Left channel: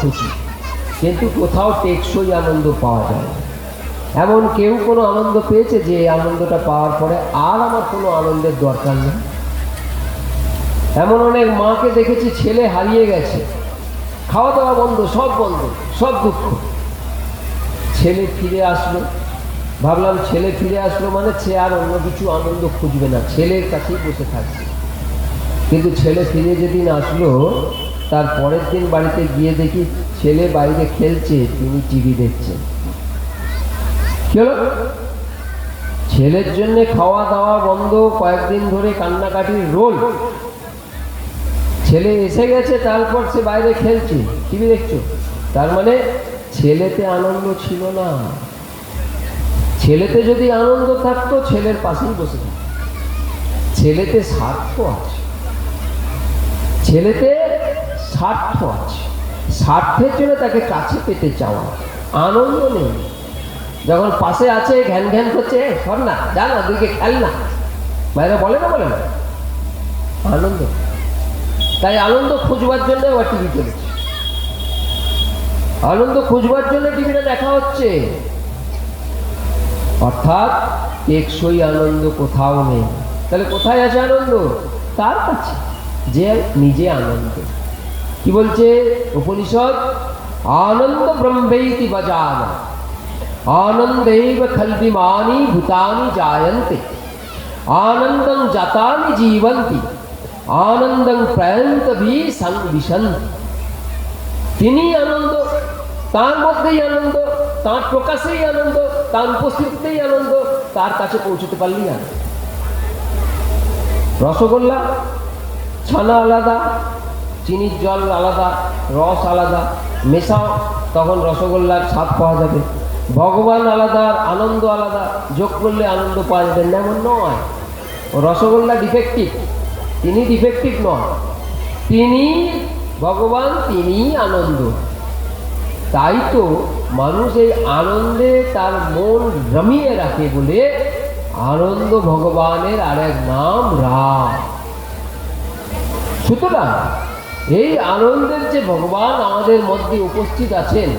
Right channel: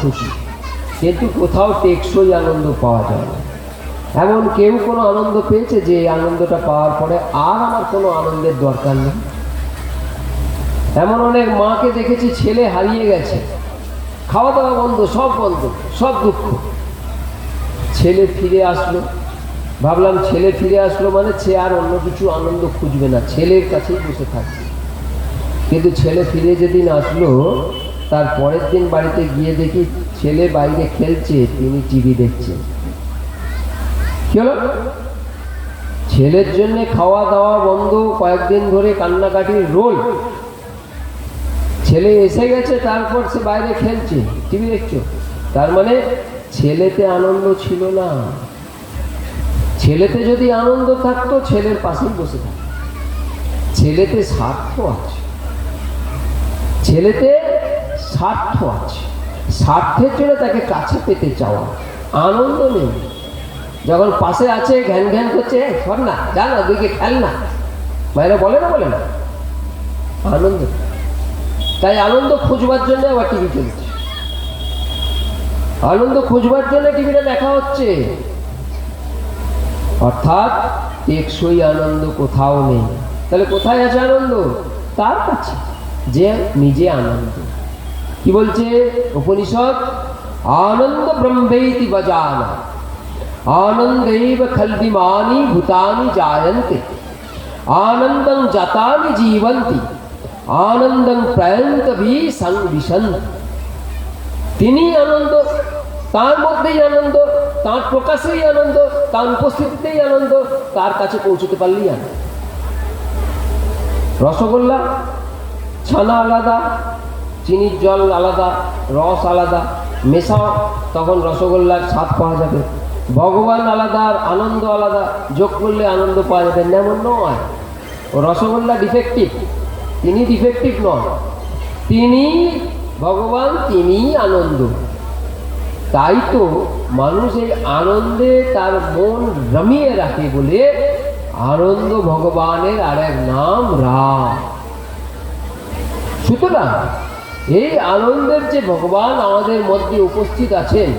খুশি, কিন্তু কোথাও টেকসই আনন্দ পাওয়া যায় না। এমন কেউ কোনো আনন্দ পেয়েছে যে এই আনন্দটা পাওয়ার পরে আর আমার কোনো আনন্দের দরকার নেই? এমন অনেক মাকে দেখেছি, ছেলে হারিয়ে গেছে, খাওয়া দাওয়া বন্ধ, সব বন্ধ, সব দুঃখ। ছেলে ফিরে আসলো, ভাবলাম ছেলে ফিরে আসলো মানে সে আর অন্য কিছু আনন্দ খুঁজবে না, ছেলের কাছেই বসে থাকবে। কিন্তু ছেলে ফিরে যেদিন আসলো, তার পরের দিন বাড়িতে গিয়ে দেখি ছেলে বাইরে খেলছে, তিনি টিভি দেখছেন। কি হলো? ছেলের জন্য খাওয়া দাওয়া বন্ধ, কয়েকদিন ধরে কান্নাকাটির রোল। ছেলে এসে গেছে, তারপর সে বাইরে খেলছে, টিভি দেখছে। তার মানে ছেলেতে আনন্দ ছিল না। ছেলেতে যদি আনন্দ থাকতো ছেলের পাশেই বসে থাকতো। ছেলেতে স্বার্থ আছে, ছেলেতে স্বার্থ আছে, স্বার্থের জন্য তাকে কাছে পেতে চাওয়া, আনন্দ নেই। যখন পাশে আছে ঘ্যান ঘ্যান করছে, সর না, যা না, দিকে খেল না, বাইরে বলে না, বলে না, আনন্দ। তাই আনন্দ খুঁজবার জন্য আবার টিভি চলেছে, আনন্দ খুঁজবার জন্য টিভিটা দেখা হচ্ছে। অর্থাৎ টেকসই আনন্দ কোথাও নেই। তাহলে কোথায় আছে আনন্দ? তার কাছে, যে নিজে আনন্দ। কি বলছে উপনিষদ? আনন্দ ব্রহ্মেতি বজানা আনন্दैव खल्विमानि भूतानि जायन्ते आनंदं जातानि जीवन्ति आनंदं प्रयन्तभि संविशन्ति। তিনি আনন্দ, তার মধ্যেই আনন্দ, তার প্রকাশেই আনন্দ, তার উপস্থিতিতেই আনন্দ, তার কাছে পৌঁছতে পারলেই আনন্দ। রসগোল্লা, ছানা আলাদা, চিনির জল আলাদা, রস আলাদা, মেশাও, তখন রসগোল্লার স্বাদ পাওয়া যাবে। ভগবান আলাদা, আনন্দ আলাদা, যোগ করলে আনন্দ পাওয়া যাবে না, এমন নয়। রসগোল্লা ডিফেক্টিভ, তিনি ডিফেক্টিভ নন, তিনি ভগবান, তিনি আনন্দ। তাই তো মানুষ এই আনন্দে তার মন রমিয়ে রাখে বলে আনন্দ ভগবানের আরেক নাম রাম। সুতরাং এই আনন্দের যে ভগবান আমাদের মধ্যে উপস্থিত আছেন,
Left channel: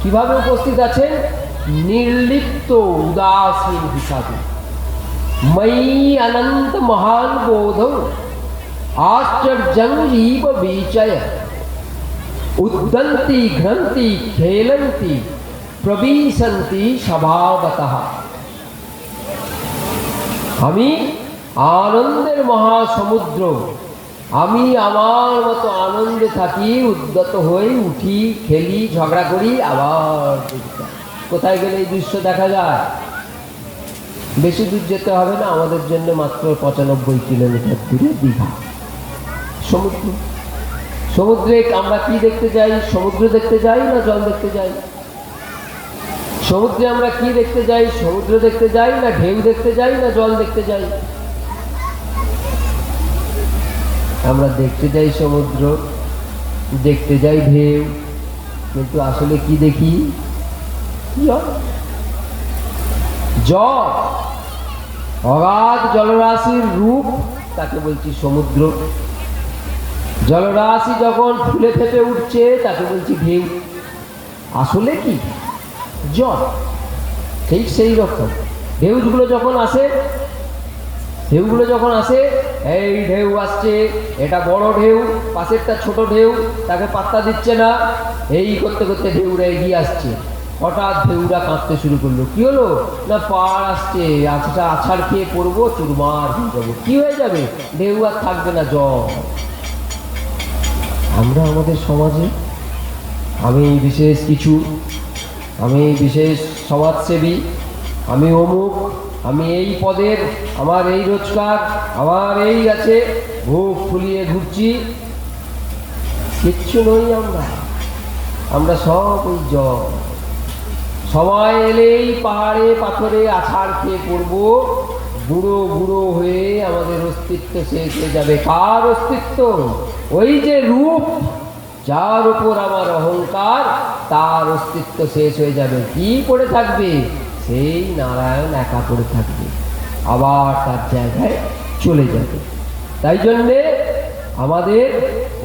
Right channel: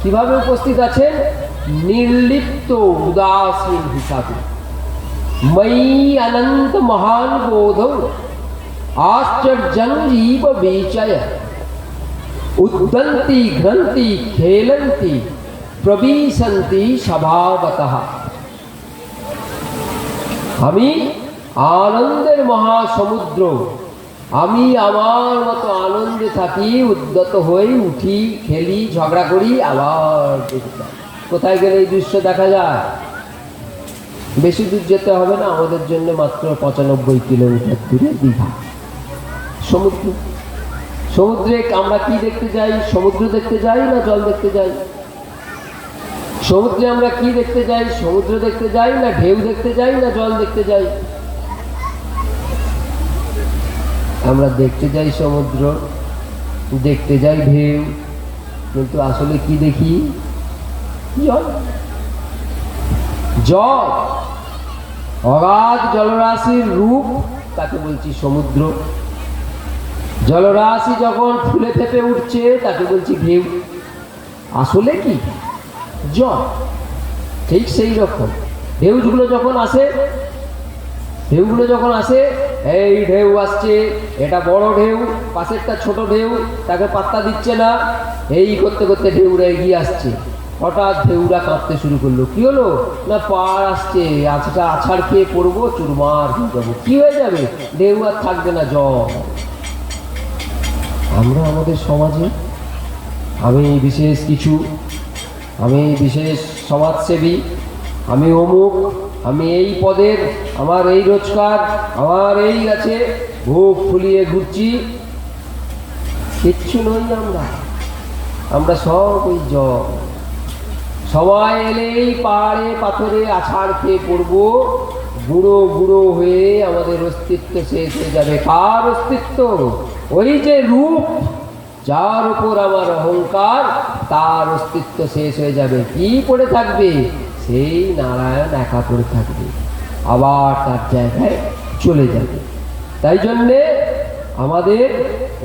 কিভাবে উপস্থিত আছেন? নির্লিপ্ত উদাসীন হিসাবে। ময়ি অনন্ত মহান বোধম आश्चर्यं जीव बीचय उद्दन्ति घ्रन्ति खेलन्ति प्रविशन्ति स्वभावतः। আমি আনন্দের মহাসমুদ্র, আমি আমার মতো আনন্দে থাকি, উদ্যত হই, উঠি, খেলি, ঝগড়া করি, আবার কোথায় গেলে এই দৃশ্য দেখা যায়? বেশি দূর যেতে হবে না, আমাদের জন্য মাত্র 95 কিলোমিটার দূরে দীঘা সমুদ্র। সমুদ্রে আমরা কি দেখতে যাই? সমুদ্র দেখতে যাই না জল দেখতে যাই? সমুদ্রে আমরা কি দেখতে যাই? সমুদ্র দেখতে যাই না ঢেউ দেখতে যাই না জল দেখতে যাই? আমরা দেখতে যাই সমুদ্র, দেখতে যাই ঢেউ, কিন্তু আসলে কি দেখি? জল। জল, অগাধ জলরাশির রূপ, তাকে বলছি সমুদ্র। জলরাশি যখন ফুলে ফেপে উঠছে তাকে বলছি ঢেউ। আসলে কি? জল। ঠিক সেই রকম ঢেউগুলো যখন আসে, ঢেউগুলো যখন আসে, এই ঢেউ আসছে, এটা বড় ঢেউ, পাশেরটা ছোট ঢেউ, তাকে পাত্তা দিচ্ছে না, এই করতে করতে ঢেউরা এগিয়ে আসছে। হঠাৎ ঢেউরা কাঁপতে শুরু করলো। কি হলো? না পাড় আসছে, আছাড় খেয়ে পড়বো, চুরমার হয়ে যাবো। কি হয়ে যাবে? ঢেউ আর থাকবে না, জল। আমরা আমাদের সমাজে আমি বিশেষ কিছু, আমি বিশেষ সমাজসেবী, আমি অমুক, আমি এই পদের, আমার এই রোজগার, আমার এই আছে, বুক ফুলিয়ে ঘুরছি। কিচ্ছু নই আমরা, আমরা সব ওই জল। সময় এলেই পাহাড়ে পাথরে আছাড় খেয়ে পড়বো, বুড়ো বুড়ো হয়ে আমাদের অস্তিত্ব শেষ হয়ে যাবে। কার অস্তিত্ব? ওই যে রূপ, যার উপর আমার অহংকার, তার অস্তিত্ব শেষ হয়ে যাবে। কি পড়ে থাকবে? সেই নারায়ণ একা পড়ে থাকবে, আবার তার জায়গায় চলে যাবে। তাই জন্যে আমাদের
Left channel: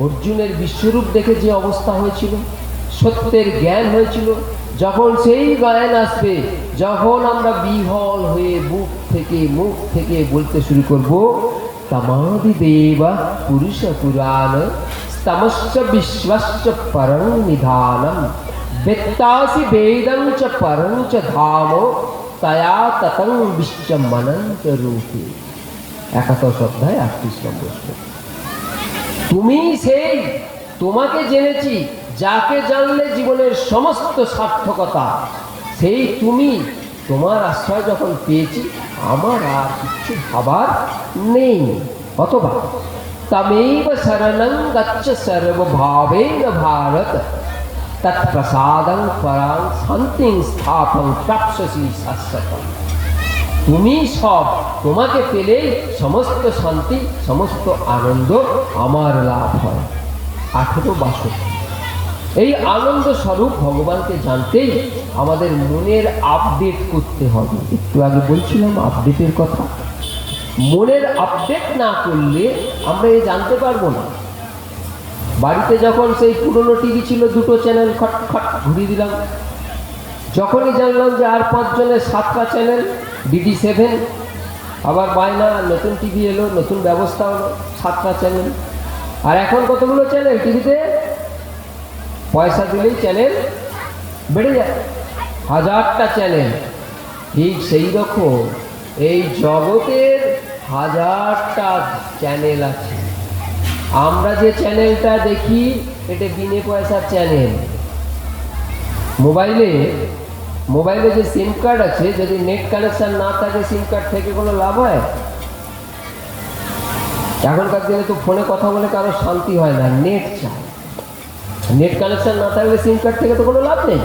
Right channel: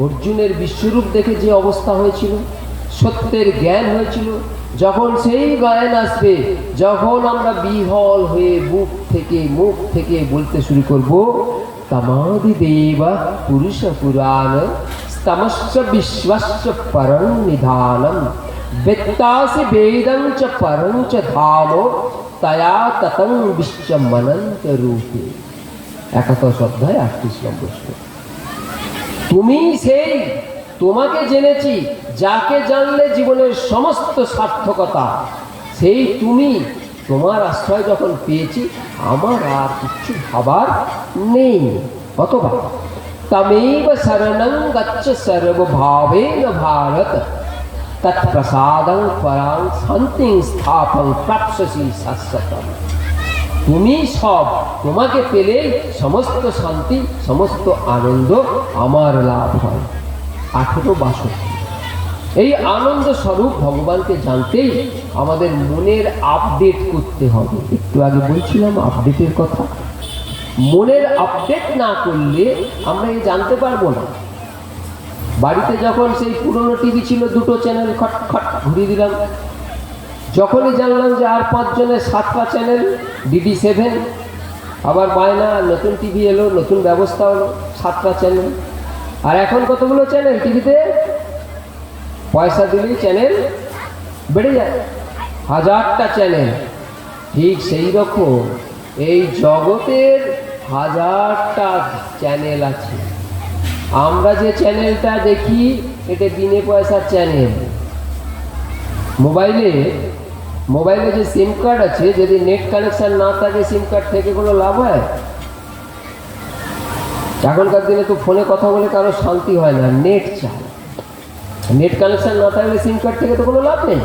অর্জুনের বিশ্বরূপ দেখে যে অবস্থা হয়েছিল, সত্যের জ্ঞান হয়েছিল। যখন সেই জ্ঞান আসবে, যখন আমরা বিহল হয়ে মুখ থেকে বলতে শুরু করব, তমাদি দেবা পুরুষ পুরাণ স্তমস্য বিশ্বস্য পরং নিধানম বেত্তাসি বেদং চ পরং চ ধাম তয়া ততং বিশ্বমনন্ত রূপে। 71 অধ্যায় 38 নম্বর শ্লোক। তুমি সেই, তোমাকে জেনেছি, যাকে জানলে জীবনের সমস্ত সার্থকতা, সেই তুমি। তোমার আশ্রয় যখন পেয়েছি, আমার আর কিছু ভাবার নেই। অথবা তমেব শরণং গচ্ছ সর্বভাবেন ভারত তৎপ্রসাদং পরাং শান্তিং স্থাপং প্রাপ্স্যসি শাশ্বতম। তুমি সব, তোমাকে পেলে সমস্ত শান্তি, সমস্ত আনন্দ আমার লাভ হয়। 18 এই আনন্দ স্বরূপ ভগবানকে জানতেই আমাদের মনের আপডেট করতে হবে। একটু আগে বলছিলাম আপডেটের কথা। মনের আপডেট না করলে আমরা জানতে পারবো না। বাড়িতে যখন সেই পুরনো টিভি ছিল, 2টো চ্যানেল খট খট ঘুরিয়ে দিলাম, যখনই জানলাম যে আর 5 জনের 7টা চ্যানেল, DD7, আবার বায়না নতুন টিভি এলো, নতুন ব্যবস্থা হলো, 7টা চ্যানেল। আর এখন কতগুলো চ্যানেল টিভিতে? পয়সা দিলেই চ্যানেল বেড়ে যায়, 1000টা চ্যানেল। ঠিক সেই রকম এই জগতের 1000টা চ্যানেল আছে। আমরা যে চ্যানেলটা দেখি, এটা বিনে পয়সার চ্যানেল। মোবাইলে যে সিম কার্ড আছে, যদি নেট কানেকশন না থাকে, সিম কার্ড থেকে কোনো লাভ হয়? এখনকার দিনে তো ফোনে কথা বলে কারো শান্তি হয় না, নেট চাই। নেট কানেকশন না থাকলে সিম কার্ড থেকে তো কোনো লাভ নেই।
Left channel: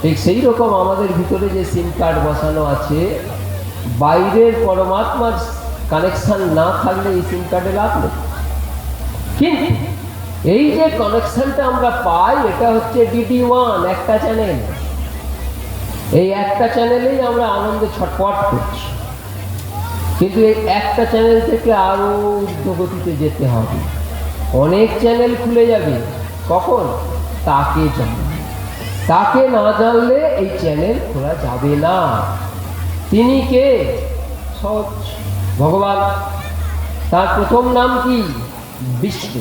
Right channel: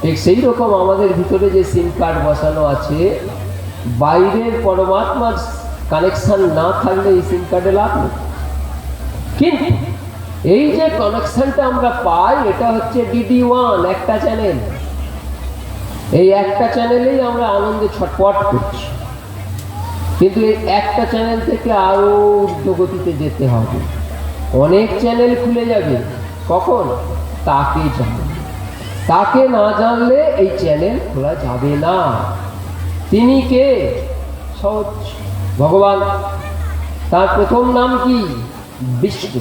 ঠিক সেই রকম আমাদের ভিতরে যে সিম কার্ড বসানো আছে, বাইরের পরমাত্মার কানেকশন না থাকলে এই সিম কার্ডে লাভ নেই। কিন্তু এই যে কানেকশনটা আমরা পাই, এটা হচ্ছে DD1, একটা চ্যানেল। এই একটা চ্যানেলেই আমরা আনন্দে ছটফট করছি। কিন্তু এই একটা চ্যানেল থেকে আরো ঊর্ধ্বগতিতে যেতে হবে। অনেক চ্যানেল খুলে যাবে। কখন? তাকে জানলে। তাকে না জানলে এই চ্যানেল খোলা যাবে না। তিনি কে? সহজ, ভগবান। তার প্রথম নাম কি? বিষ্ণু।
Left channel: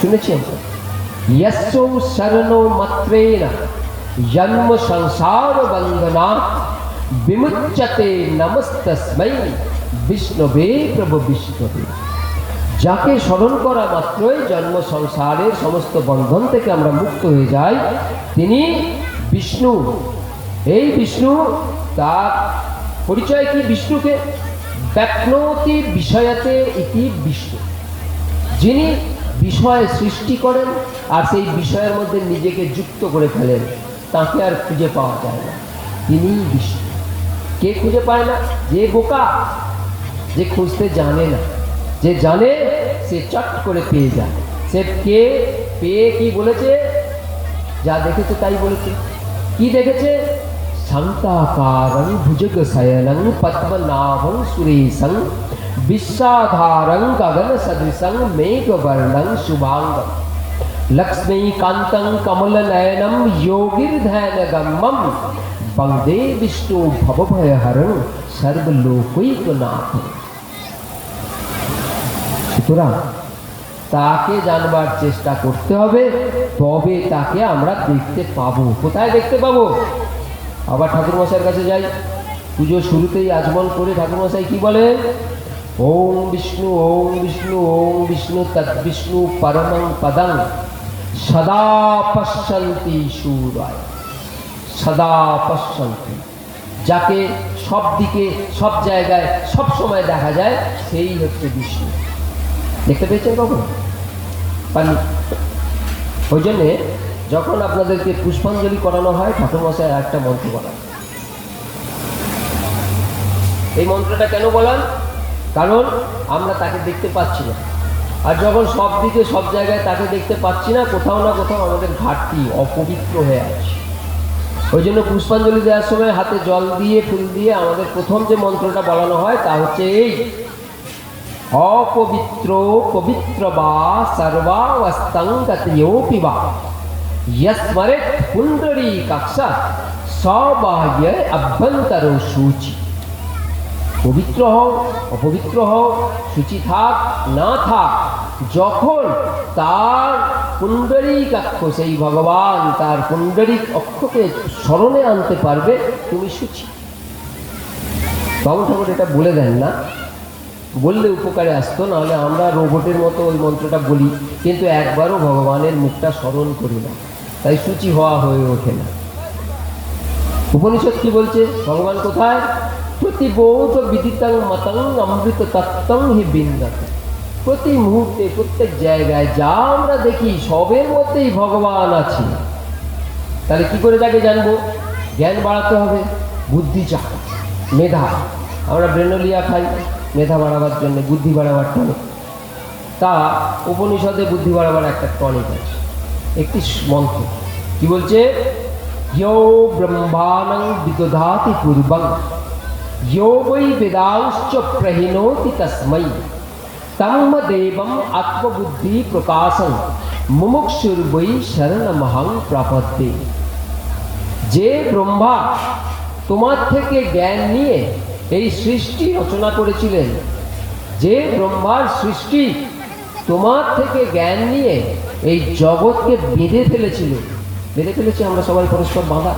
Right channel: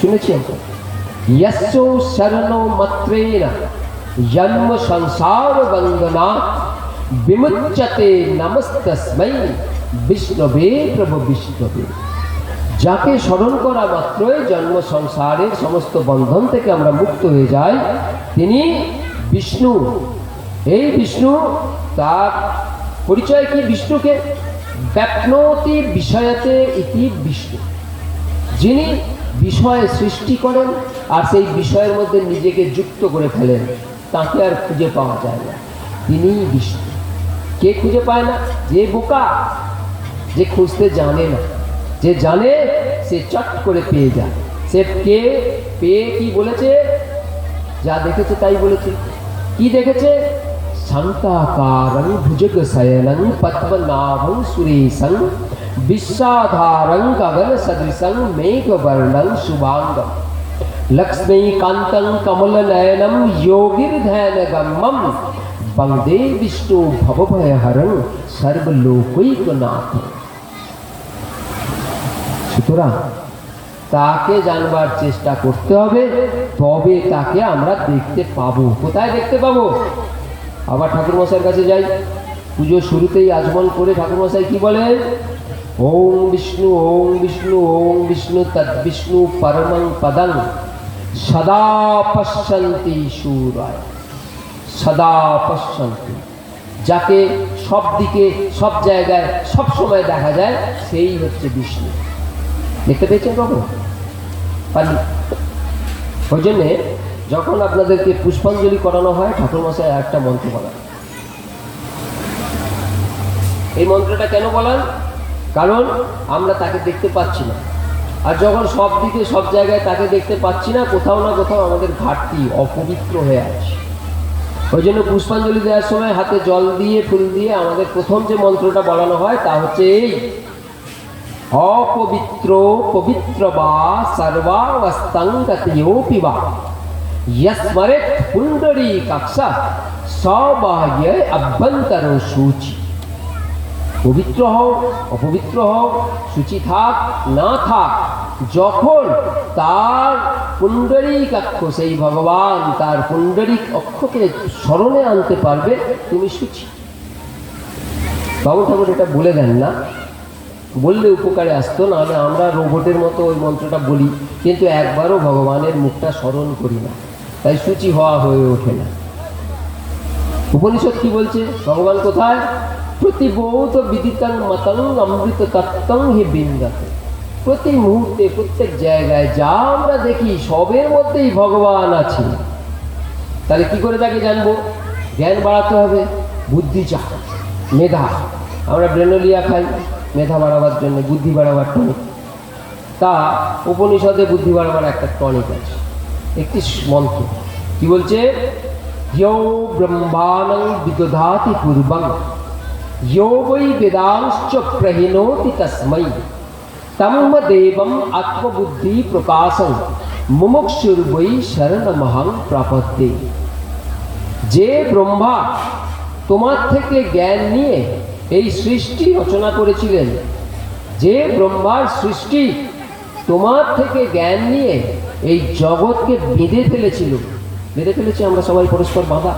শুনেছেন? यस्सु शरणो मत्रेण जन्म संसार बंधना विमुच्यते नमस्तस्मै विष्णवे प्रभु विष्णवे। যাকে স্মরণ করা মাত্রই জন্ম সংসারের সমস্ত বন্ধন থেকে আমরা মুক্ত হয়ে যাই, তিনি বিষ্ণু। এই বিষ্ণু, তার পরিচয় কি? বিষ্ণুকে ব্যাপ্নোতি বিষয়তে ইতি বিষ্ণু। যিনি বিষয় সৃষ্টি করেন আর সেই বিষয়ের মধ্যে নিজেকে যুক্ত করে ফেলেন, তাকে আর খুঁজে পাওয়া যায় না। তিনিই বিষ্ণু। কে খুঁজে পায় না? যে বোকা, যে খুঁজতে জানে না। যে জানে সে চট করে পেয়ে যায়। সে কে পেয়ে কি বলেছে? যা দেখেছে তাই বলেছে। কি দেখেছে? শান্তাকারং ভুজগ শয়নং পদ্মনাভং সুরেশং विश्वाधारं गगन सदृशं मेघवर्णं शुभांगं लक्ष्मीकान्तं कमलनयनं योगिर्ध्यानगम्यं वन्दे विष्णु भवभयहरं सर्वलोकैकनाथं। সুতরাং তাকে জানবার চেষ্টা করতে হবে, তবে তাকে আমরা দেখতে পাবো। কোথায় দেখতে পাবো? আবার ঠাকুরমশাইয়ের কাছে যাই। পুজো শুরুতেই আচমন করে ঠাকুরমশাই কি বলেন? ओम विष्णु ओम विष्णु तद विष्णु परमं पदं सदा पश्यन्ति शूराय। सदा पश्यन्ति, যাকে সব দিকে, সব জায়গায়, সব সময় দেখা যায়, সেই হচ্ছে বিষ্ণু। দেখতে পেয়েছেন কখন? পানি। ওই জন্যে যখন আপনাদেরকে পুষ্পাঞ্জলি করানো হয়, ঠাকুরমশাই একটা মন্ত্র বলেন। এই মন্ত্রটা কেন বলেন? কারণ আমরা তাকে দেখতে পাচ্ছি না। আর যখন সব দিকে, সব জায়গায় তাকে দেখতে পাচ্ছি না, কোথাও না কোথাও আমাদের ঘাটতি, অপবিত্র হয়ে আছে। ওই জন্য পুষ্পাঞ্জলি দেওয়ার সময় হাতে জল দিয়ে, ফুল দিয়ে আমাদের প্রথম যে মন্ত্রটা বলানো হয় তা হচ্ছে এই: অপবিত্র পবিত্র বা সর্বাবস্থাং গতয়োপি বা यस्मरेत् पुंडरीकाक्षा सबाह्य अभ्यंतर शुचि। পবিত্র হও অপবিত্র হও, শুচি থাক না থাক, যখন তার পুণ্ডরীকাক্ষ সেই ভগবান তার পুণ্ডরিক অক্ষকে স্মরণে আনতে পারবে তুমি শুচি। বাবু ঠাকুর এটা বলে দেন না, বললে উপকারে আসতো, নাহলে আমরা রোবটের মতো ওই মন্ত্রটা বলি কিন্তু একবারও ভগবানের মুখটা স্মরণ করি না, তাই শুচি হওয়া হয়ে ওঠে না। উপনিষদ কি বলছে? ভগবান কোথায়? প্রতিবোধ বিদিতং মতং অমৃত তত্ত্বং হি বিন্দত। প্রতি মুহূর্তে প্রত্যেক জায়গায় যা আমরা দেখি সবের মধ্যেই ভগবান আছে। তাহলে কি করে তাকে জানবো? জ্ঞান বাড়াতে হবে, বুদ্ধি চাপ, মেধা। আমরা ব্রেনোলিয়া খাই মেধা বাড়াবার জন্য, বুদ্ধি বাড়াবার টনিক। তা উপনিষদে বুদ্ধি বাড়াবার একটা টনিক আছে, একটি মন্ত্র। কি বলছে? ইয়ো ব্রহ্মাণং বিদধাতি পূর্বং यो वै वेदांश्च प्रहिणोति तस्मै तम देवम आत्मबुद्धि प्रकाशं मुमुक्षुर्वै शरणमहं प्रपद्ये। যে ব্রহ্মা তোমার থেকে জ্ঞান নিয়ে এই সৃষ্টি রচনা করেছিলেন, যে ব্রহ্মার সৃষ্টি তোমার থেকে জ্ঞান নিয়ে এই জগৎকে বেঁধে ফেলেছিল, বেঁধে ফেলেছি আমরা সবাই পরস্পর বাঁধা,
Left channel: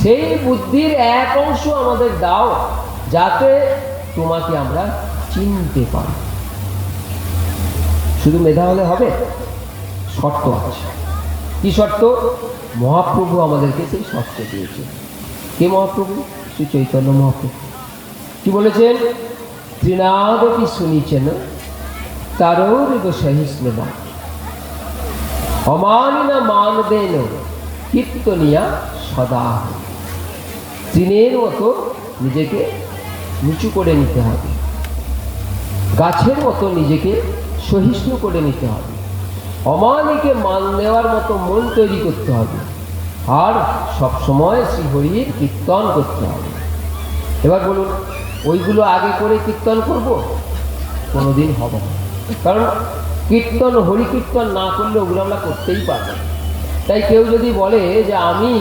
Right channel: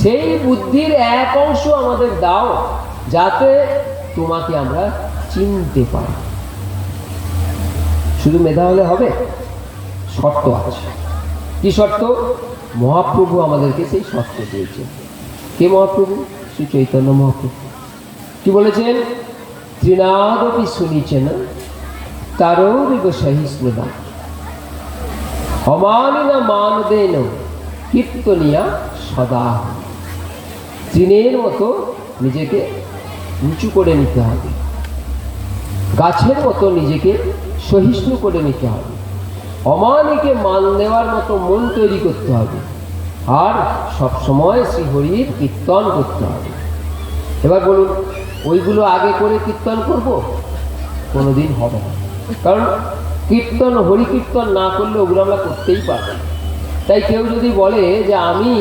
সেই বুদ্ধির এক অংশ আমাদের দাও যাতে তোমাকে আমরা চিনতে পারি। শুধু মেধা হলে হবে? শর্ত আছে। কি শর্ত? মহাপ্রভু আমাদেরকে সেই শর্ত দিয়েছে। কে মহাপ্রভু? শ্রী চৈতন্য মহাপ্রভু। কি বলেছেন? ত্রিনাদপি শুনিছেন তারৌরিব সহিষ্ণুতা অমানিনা মানদেন কীর্তনিয়া সদা। তৃণের মতো নিজেকে নিচু করে নিতে হবে, গাছের মতো নিজেকে সহিষ্ণু করে নিতে হবে, অমানিকে মান নেওয়ার মতো মন তৈরি করতে হবে, আর সবসময় শ্রীহরির কীর্তন করতে হবে। এবার বলুন, ওইগুলো আগে করে কীর্তন করব? কোনোদিন হবে না। কারণ কীর্তন, হরি কীর্তন না করলে ওগুলো আমরা করতেই পারবো না। তাই কেউ যদি বলে যে আমি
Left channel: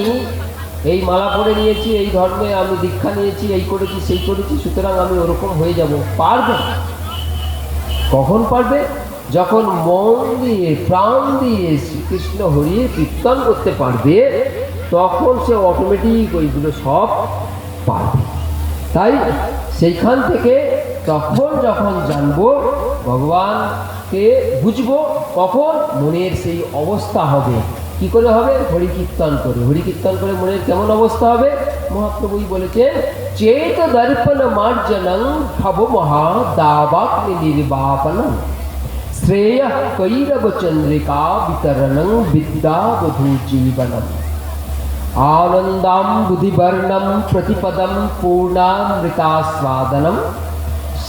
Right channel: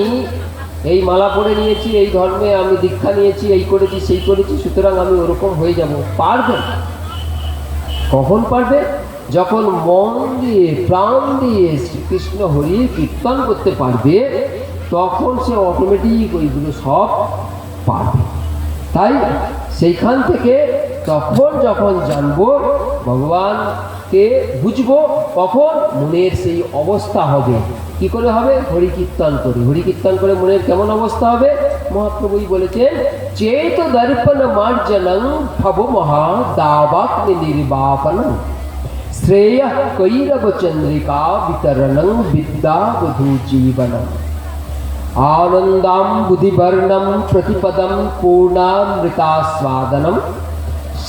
এই মালা পরে নিয়েছি, এই ধর্মে আমি দীক্ষা নিয়েছি, এই করেছি সেই করেছি, সুতরাং আমি ওরকম হয়ে যাব, পারবে? কখন পারবে? যখন মন দিয়ে প্রাণ দিয়ে শ্রীকৃষ্ণ হরির কীর্তন করতে পারবে, তখন সে অটোমেটিক ওইগুলো সব পারবে। তাই সেইখান থেকে তখন যখন জানবো, ভগবানকে বুঝবো, কখন মনের সেই অবস্থা হবে। কি করে হবে? হরি কীর্তন করে। হরি কীর্তন করে মনের কেমন অবস্থা হবে? মহাপ্রভুই বলেছেন, চেত দর্পণ মার্জনং ভব মহা দাবাগ্নি নির্বাপনং শ্রেয় কৈরব চন্দ্রিকা বিতরণং বিদ্যা বধূ জীবনম আনন্দাম বুধিবর্ণম প্রতিপদম পূর্ণামৃতাস্বাদনম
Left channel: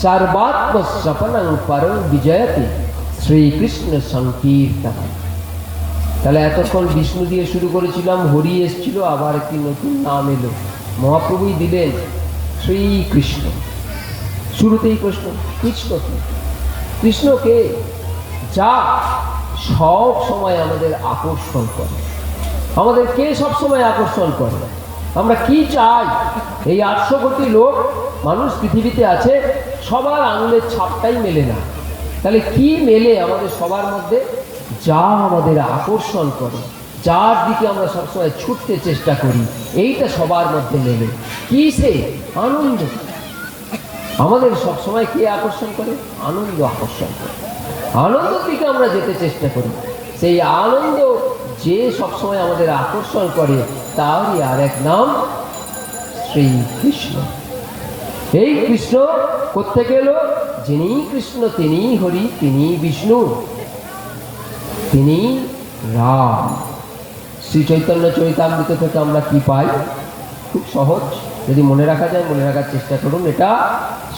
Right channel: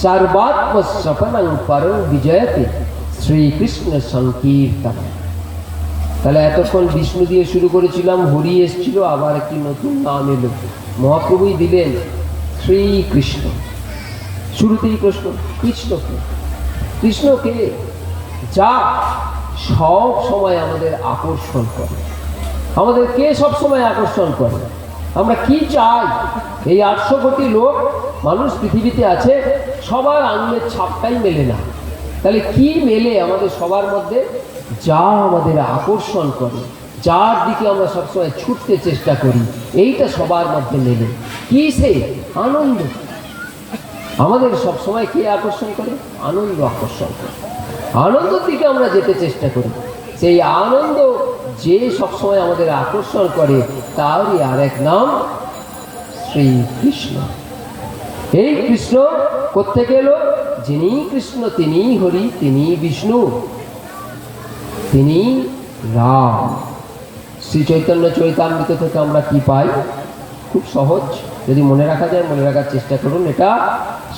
সর্বাত্ম সপনং পরং বিজয়তে শ্রীকৃষ্ণ সংকীর্তন। তাহলে এতক্ষণ বিষ্ণু দিয়ে শুরু করেছিলাম, হরি এসেছিল, আবার একটি নতুন নাম এলো, মহাপ্রভুই দিলেন শ্রীকৃষ্ণ। শুরুতেই প্রশ্ন, কৃষ্ণকে? কৃষ্ণকে যা সব সময় আমাদের আকর্ষণ করে। আমাদের কে সব সময় আকর্ষণ করে? আমরা কি চাই? এই 800 কোটি লোক মানুষ পৃথিবীতে আছে, সবার আঙুলের ছাপটাই মেলে না। তাহলে কি মেলে আমাদের সবার মধ্যে? যা আমাদের আকর্ষণ করে, যার দিকে আমরা সবসময় ছুটতে চেষ্টা করি, এইটা সবার মধ্যে মেলে। কি? সে আনন্দ। আমাদের সবসময় কে আকর্ষণ করে? আনন্দ আকর্ষণ করে। আনন্দের দিকে আমরা যেতে চেষ্টা করি। সেই আনন্দ যে সবসময় আমাদের আকর্ষণ করে, তারই আর এক নাম শ্রীকৃষ্ণ। এই কৃষ্ণ কোত্থেকে এলো? যিনি কৃষ্ণ তিনি হরি, তিনি বিষ্ণু, তিনি রাম। শ্রী চৈতন্য চরিতামৃত থেকে আমরা কি পাই? খুব সহজ, যদি মনে রাখা যায়, মনে রাখার চেষ্টা করুন। এটা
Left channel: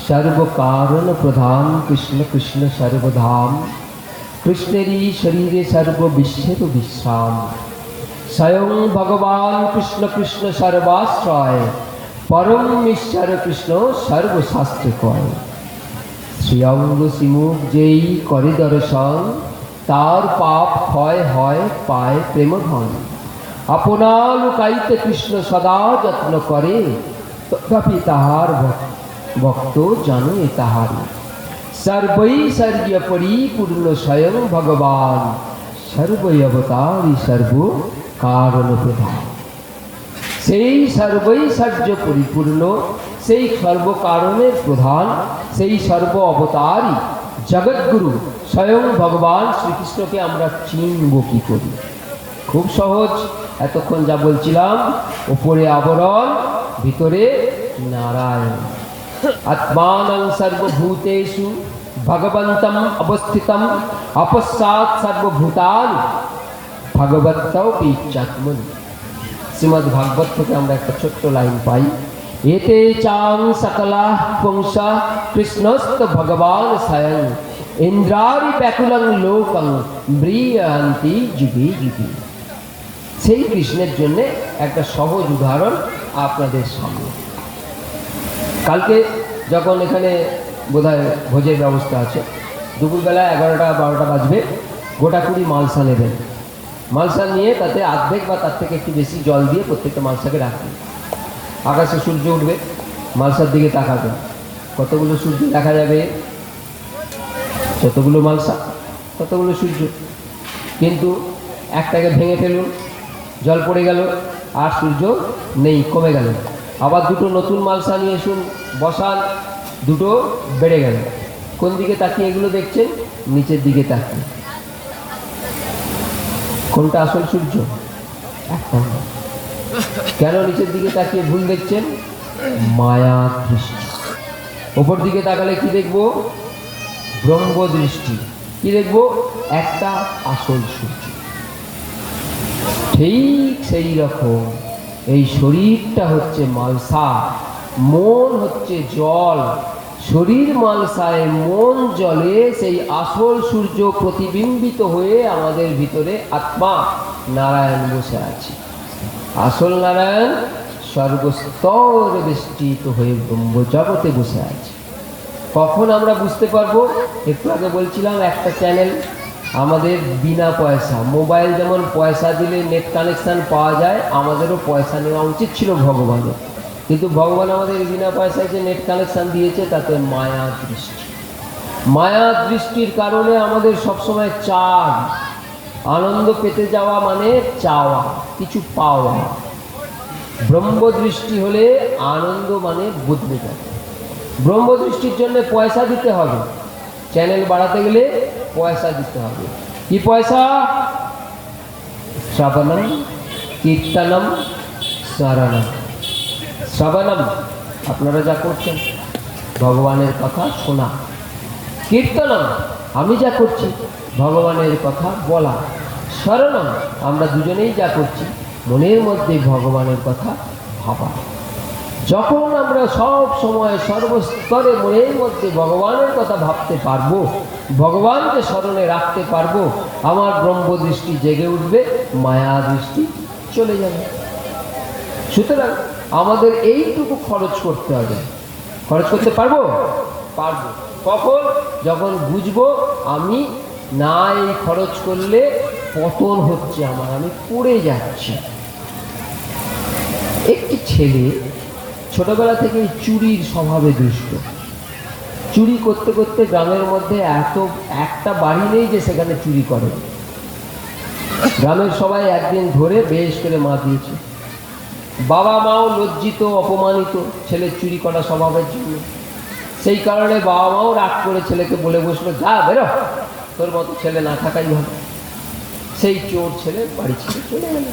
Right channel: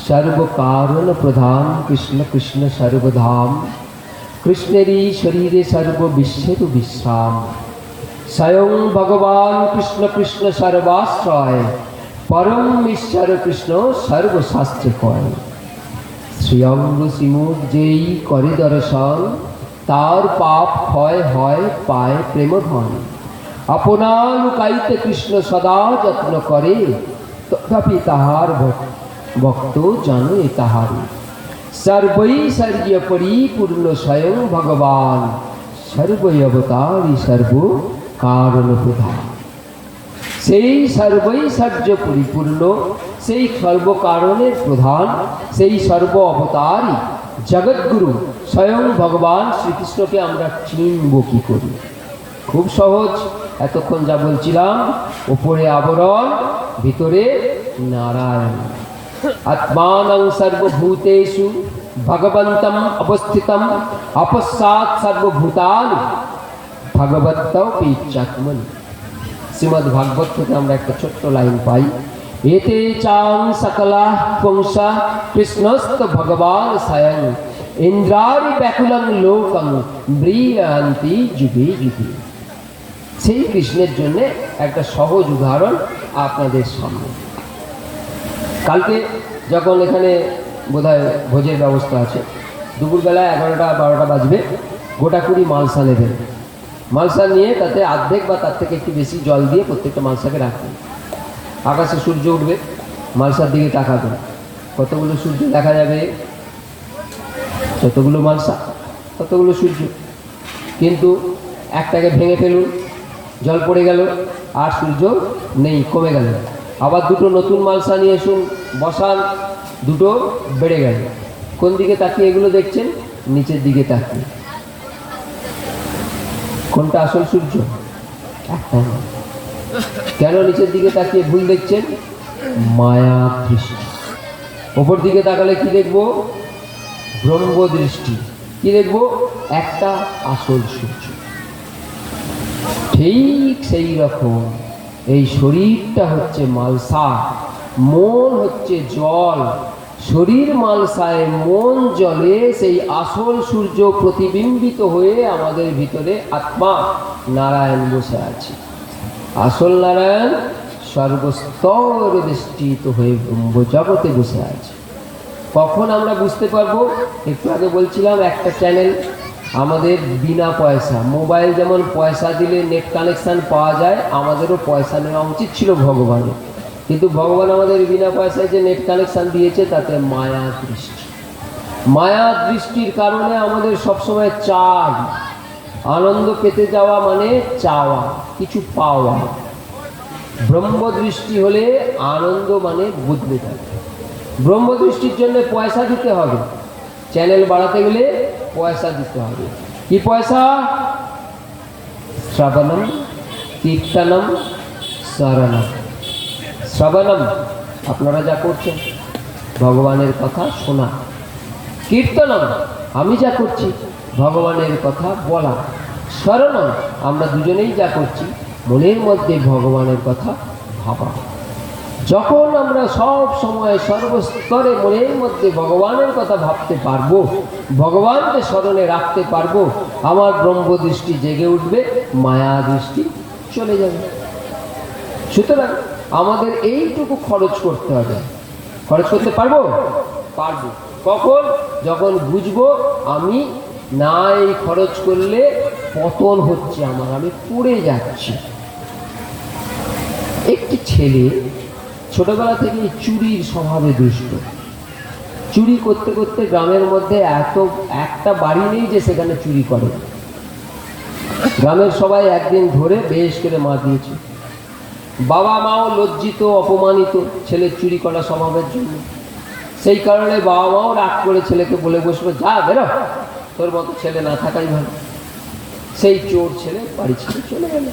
সর্বকারণ প্রধান কৃষ্ণ, কৃষ্ণ সর্বধাম, কৃষ্ণেরই শরীরে সর্ব বিশ্বের বিশ্রাম, স্বয়ং ভগবান কৃষ্ণ, কৃষ্ণ সর্বাশ্রয়, পরম ঈশ্বর কৃষ্ণ সর্বশাস্ত্রে কয়। শ্রীঅঙ্গ শ্রীমুখ যেই করে দর্শন, তার পাপ ক্ষয় হয় পায় প্রেমধন। আপনার লুকাইতে কৃষ্ণ সদা যত্ন করে, তথাপি তাহার ভক্ত জানো এ তাহারে। সর্বৈশ্বর্য পরিপূর্ণ স্বয়ং ভগবান, সর্বৈ অবতারী সর্ব কারণ প্রধান। সেই সর্বৈশ্বর্য পরিপূর্ণ, সেই সর্বকারণের প্রধান, সেই সর্ব অবতারী জগৎগুরু স্বয়ং ভগবান শ্রীকৃষ্ণকে আমরা চিনব কি করি? খুব সহজ। এতক্ষণ যা বলছিলাম, উপরে আবরণ, ভিতরে নারায়ণ। আত্মানং সর্বভূতেষু ভগবন্তম অবস্থিতম অপশ্চাৎ সর্বভূতানি ভগবতৌ পিচ্চাত্মনি। শ্রীমদ্ ভাগবত থেকে আমরা একটা ছোট্ট লাইন পাই, এতে চাং সকলা পুংসা কৃষ্ণস্ত ভগবান স্বয়ং ইন্দ্রারি ব্যাকুলং লোকং ব্রিয়ান্তি যুগে যুগে। সেই কৃষ্ণের জন্য একটা সহজ উদাহরণ আপনাদের সামনে। কালকে যখন এখানে বোধহয় ভোজের ব্যবস্থা আছে, দুপুরবেলা 11টা 12টা বাজবে, গোটা কুড়ি মালসা নেবেন। মালসা নিয়ে তাতে অর্ধেক বা তার থেকে একটু বেশি জল দিয়ে প্রত্যেকটা মালসাকে রাখবেন। আকাশে সূর্য উঠবে, মালসার দিকে তাকাবেন, কতগুলো সূর্য দেখা যাবে? যতগুলো মালসা ততগুলো সূর্য। কিন্তু একটাকে ভেঙে ফেলুন, জল পড়ে গেল, আর সূর্য নেই, কমে গেল। আবার দুটো নতুন মালসা নিয়ে এসুন, বসান, দুটো বেড়ে গেল। কোন দিকে তাকিয়ে এগুলো দেখছেন? নিচের দিকে তাকিয়ে। কোনটা আসল সূর্য? একটা। কেন নিচের দিকে তাকিয়ে ভুল দেখছেন? মায়া দৃষ্টি। ওপর দিকে তাকালে কি দেখবো? ব্রহ্ম দৃষ্টি। কি দেখবো? একটা আসল সূর্য। ঠিক সেই রকম এই শরীরটা হচ্ছে মালসা, মন হচ্ছে জল। শরীর মালসায়, মন জলে, সেই আসল সূর্য প্রতিবিম্বিত হয়ে আমাদের ভিতরে আত্মা নারায়ণ বসে আছে। আসল নারায়ণ সর্বস্তরে বেষ্টিত হয়ে ব্রহ্ম জগতে বসে আছে। তখন আমরা বুঝতে পারবো। একটু আগে বলছিলাম একটা চ্যানেল আমাদের বিনা পয়সা, মোবাইল যেমন পয়সা দিলে নেট কানেকশান পাওয়া যায়, আমাদেরও পয়সা নেওয়া উচিত ছিল ভগবানের। কিন্তু ভগবান আমাদের বিনা পয়সায় যে নেট কানেকশান দিয়েছে, তাতে মায়া দৃষ্টি। মায়া দৃষ্টির কারণে আমাদের সবসময় চাই, আনন্দ পেতে যাওয়া মানে চাওয়া, কিছু পাওয়া। ব্রহ্ম দৃষ্টি হলে আনন্দ মানে বদলে যাবে। ব্রহ্ম দৃষ্টির জন্য পয়সা দিতে হবে, চ্যানেল বাড়াতে গেলে পয়সা দিতে হবে। কি পয়সা? শ্রবণম কীর্তনম স্মরণম। শ্রবণম আপনারা যা করছেন, ভগবানের কথা শোনা। কীর্তনম আমি যা করছি, ভগবানের কথা বলা। স্মরণম আমরা দুজনেই যা করছি, মনের মধ্যে ভগবানের কথা ভাবা। যখন আমরা সব সময় সর্বস্তরে মনের মধ্যে ভগবানের কথা ভাবতে পারবো, ভগবানকে স্মরণে রাখতে পারবো, আমার ব্রহ্ম দৃষ্টি জেগে উঠবে, মায়া দৃষ্টি চলে যাবে। সুতরাং আমাদের এইটুকু খরচ করতে হবে। খরচ করতে পারবো? পারবো। তখন যখন বুঝবো আমি না এই খরচ করলে পতন হচ্ছে আমার, আমি পড়ে যাচ্ছি। একটি ছেলে ছোটবেলা থেকে চুরির স্বভাবে দুষ্ট। চুরি করতে করতে গ্রামের মধ্যে এত একটা বাড়ি নেই যে সেখানে চুরি করে। গ্রামের সবাই একদিন ধরে বেশ করে মারিয়েছে। বাবা মাও লজ্জিত, অপমানিত ছেলের চুরি করা স্বভাবের জন্য। সেই কারণে বাবা মাও রাগ করে ছেলেকে বলে বসলো, যা বেরো, তোর মতো ছেলে না থাকাই ভালো। সেই চোর ছেলে বাড়ি ছেড়ে চলে গেল।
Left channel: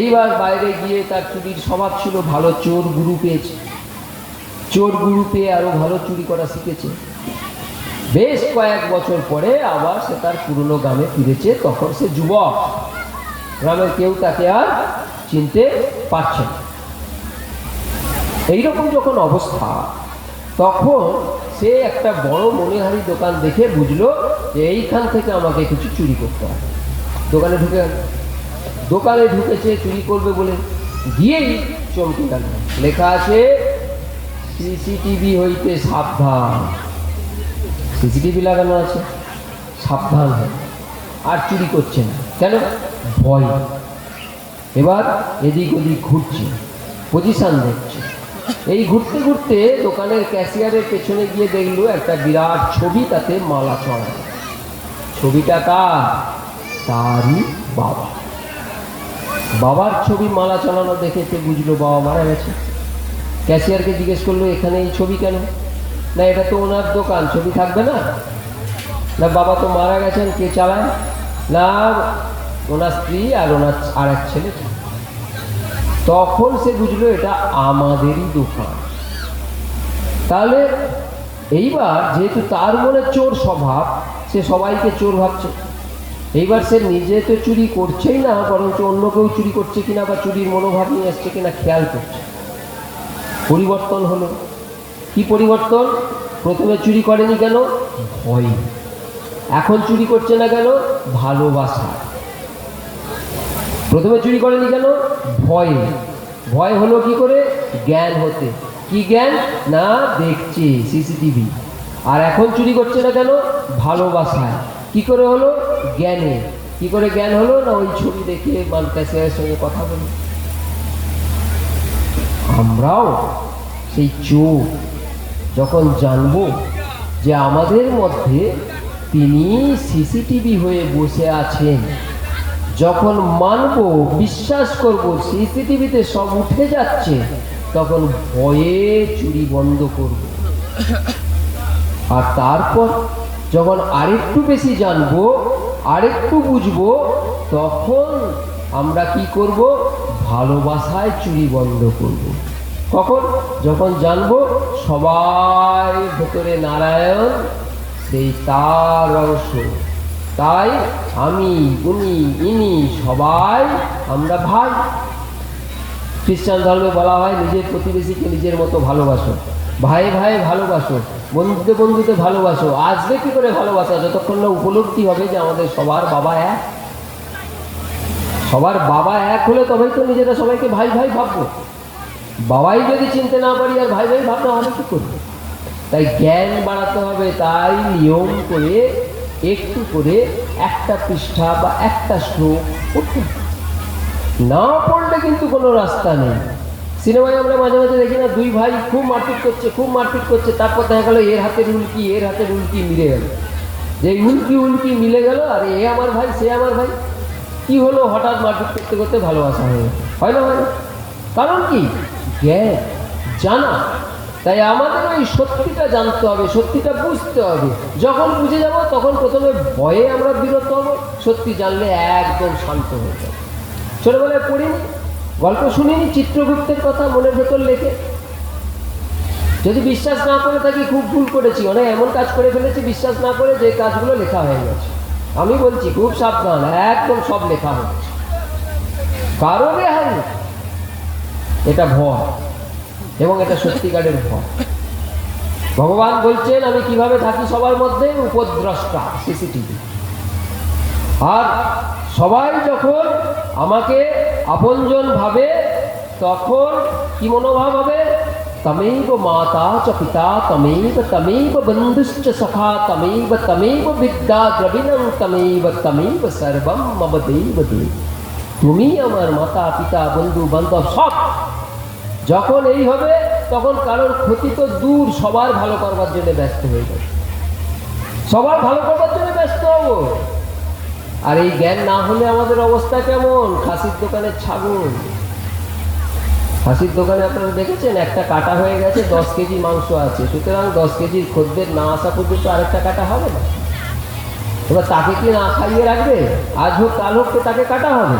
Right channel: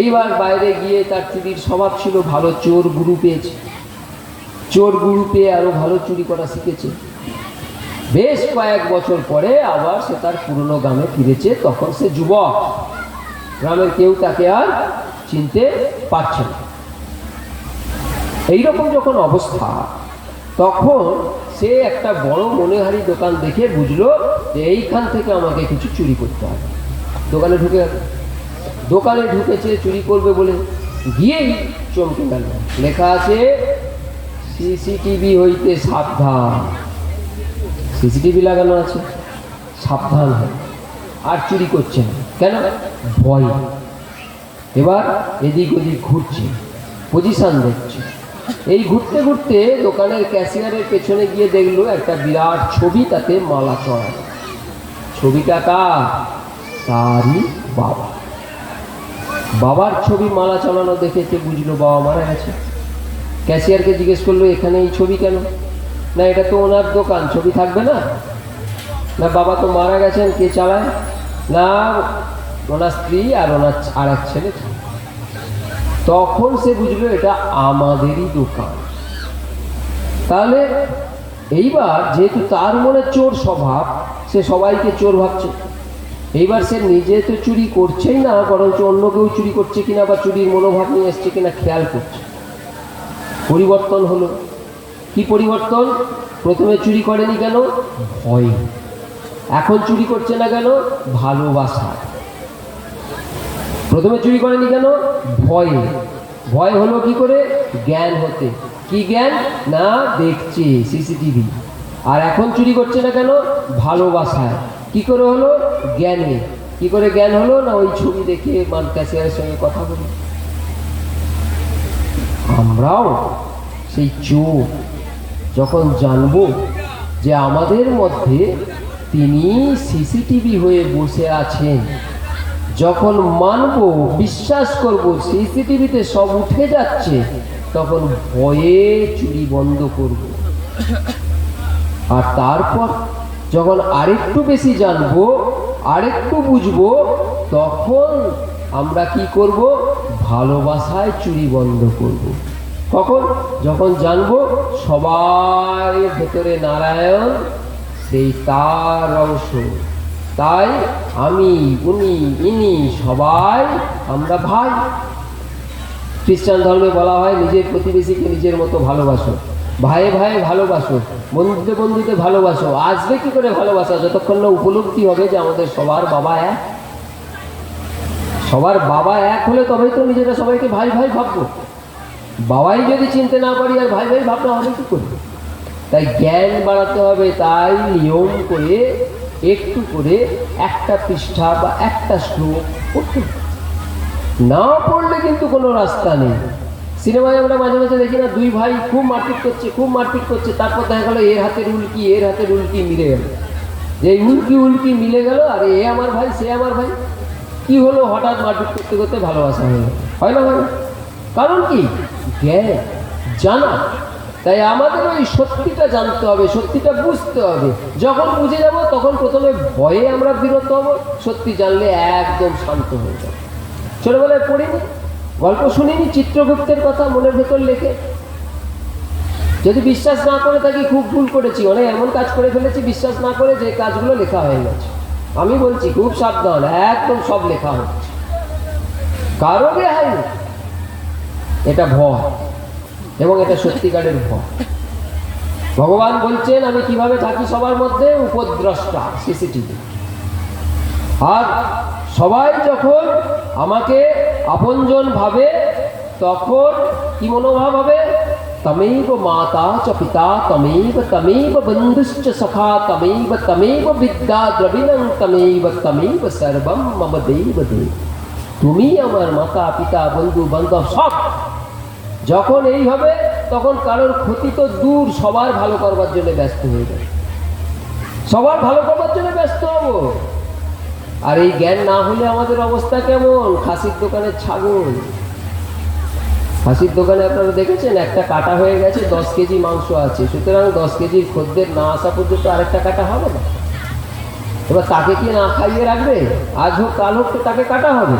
এইবার বাইরে গিয়ে তার চুরির স্বভাব ছিল ভালো, চোর গুরু পেয়েছে। চোর গুরু পেয়ে আরো ভালো চুরি করা শিখেছে। বেশ কয়েক বছর পরে আবার সে তার পুরনো গ্রামে ফিরেছে। তখন সে যুবক, গ্রামের কেউ তাকে আর চিনতে পারছে না। এইরকম যখন অবস্থা, তখন সে একটা বড় মনেহারি দোকান দেখে বুঝলো যে এইখান থেকে আমাকে কিছু চুরি করতে হবে। দোকানে ঢুকেছে চুরি করবে বলে, গিয়েই চমকে গেল। লেখা আছে সিসিটিভি হইতে সাবধান। সিসিটিভি লাগানো আছে, সাবধান হয়, আর চুরি করছে না। কেন? ভয়। এবার এদিক ওদিক ঘুরছে, পজিশন দেখছে। এই ঘুরতে ঘুরতে দোকানের ক্যাশিয়ারের পেছনে গিয়ে দেখলো একটা বিরাট ছবি, তাতে মালা চড়া। ছবিটা কার? তারই বাবা। বাবার ছবি মালা চালানো দেখেতে বুঝলো বাবা মারা গেছে। ক্যাশিয়ারকে জিজ্ঞেস করলো, এখানে এই ছবি কেন? না, এটা তো ওনার দোকান, ছবি থাকবে না। না, বাবা তো মারা গেছেন, কে চালায়? না, ওনার স্ত্রী আর ওনার আর এক ছেলে। তখন সে বুঝলো এটা আমাদেরই দোকান। তাহলে এইবার যেহেতু তার মনে চোর স্বভাব, সে সবাইকে চোর ভাবছে। এইবার সে নিজে তো চুরি করছেই না, বরঞ্চ অন্য কেউ চুরি করছে কিনা বা চুরির মনোভাব নিয়ে এসছে কিনা খেয়াল করছে। পরিবর্তন হলো। কি পরিবর্তন? প্রথমে চুরি করেনি কেন? ভয়। এখন চুরি করছে না কেন? ভালোবাসা। প্রথমে চুরি করেনি কেন? ভয়ে। ভয় হলো কি করে? জ্ঞান হতে। কি জ্ঞান? না, দেখছে সিসিটিভি। আর এখন চুরি করছে না কেন? ভালোবাসায়। কি করে হলো? জ্ঞানে। কি করে জ্ঞান হলো? না, ওই ছবি দেখে ক্যাশিয়ারের সঙ্গে কথা বলি। আমরাও সেই চোর যখন জানবো যে আমাদের মধ্যে তিনি সিসিটিভি হয়ে বসে আছেন, যখন মানব, বিশ্বাস করব সিসিটিভিতে সব উঠে যাচ্ছে, তখন ভয়ে চুরি বন্ধ করব। আর তারপর যখন আরেকটু বেশি জানবো, আরেকটু বুঝবো, তখন আমরা কি করব? ভালোবাসায় চুরি বন্ধ করব। কখন? যখন জানবো সবাই ভেতরে নারায়ণ, সেই তার অংশ। তাই আমি, উনি, ইনি সবাই আমরা ভাই। খ্রিস্টান ধর্মে বলা হয় নিজের প্রতিবেশীকে নিজের মতো ভালোবাসো, ভাই ভাই ভালোবাসো, বন্ধুতে বন্ধুতে ভালোবাসো। আসবে কি করে ভালোবাসা? যতক্ষণ না উপলব্ধি হবে যে আমাদের সবার বাবা এক। সবার বাবা এক হলে তবেই তো নিজেরা সবাইকে ভাই ভাই ভাববো। বাবাই যদি চিনতে না পারি আর ভাই ভাই ভাবলে আমাদের কি করবো? তাই জ্ঞান বাড়াতে হবে। তাই নিয়ম করে একটু করে একটা পৃষ্ঠা বা একটা শ্লোক না পড়লে কিন্তু কোনো রাস্তা নেই। সিনেমায় আমরা মাঝে মাঝে দেখি না, দুই ভাই খুব মারপিট করছে, খুব মারপিট করছে, তারপর দেখা গেল এর হাতের উল্কি এর হাতের উল্কি মিলে গেল। যে উল্কি উল্কি মিলে গেল, আর এ আমার ভাই সে আমার ভাই। কি হলো? হঠাৎ মারপিট করতে করতে ভালোবাসা হলো। হয় না? হয় না? কারণ কি? জ্ঞান, জানা। তাই আমাদের ওই সত্যিটা জানতে হবে, সত্যিটা বুঝতে হবে। যখন বুঝে যাব তখন প্রথমে ভয়ে আমরা বিরত হব, সত্যি জানলে একদম শান্ত হয়ে যাবে। ছোটবেলায় পড়িনি, গল্প শুনিনি চিত্রগুপ্তের কথা মনের ভেতর লেখে? যদি বিশ্বাস না করে থাকি, খুব ভুল করেছি, অনেক এমন কাজ করে ফেলেছি বিশ্বাস না করে, যে কাজগুলো লেখা হয়ে গেছে। আমি বলছি খুব সাবধান, একদম সব লেখা হচ্ছে, কারো হয়নি। এটা ভয়, এবং এটা সত্যিকারের ভয়। ভগবান বলছেন আমি কিভাবে থাকি সবার মধ্যে? উপদ্রষ্টা, সিসিটিভি। আর সবাই যখন আমাকে আপনজন ভাবে, তখন কি মনোভাব হবে? তমেব মাতা চ পিতা তমেব বন্ধুশ্চ সখা তমেব বিদ্যা দ্রবিণং তমেব সর্বম মম দেব দেব। তুমি আমার মাতা পিতা বন্ধু বান্ধব সব। যখন এই হবে তখন কারোর ক্ষতি তো দূর, সবার ভালো করবার জন্য ব্যস্ত হয়ে যাবে, সবার ভালো করবার জন্য ব্যস্ত হব। আর এই জ্ঞান না হলে আমাদের অবস্থা কেমন? খাসির দোকানের ছাগল। খাসির দোকানে আপনারা দেখেছেন একটা কাটা হয়ে গেছে, 10 কেজি মাংস আছে, সুতরাং 10 কেজির খদ্দের না আসা পর্যন্ত আরেকটা কাটা হবে না। এবার তাকে কি না খাইয়ে রাখবে? আজ হোক কাল হোক তো তাকে কাটা হবে।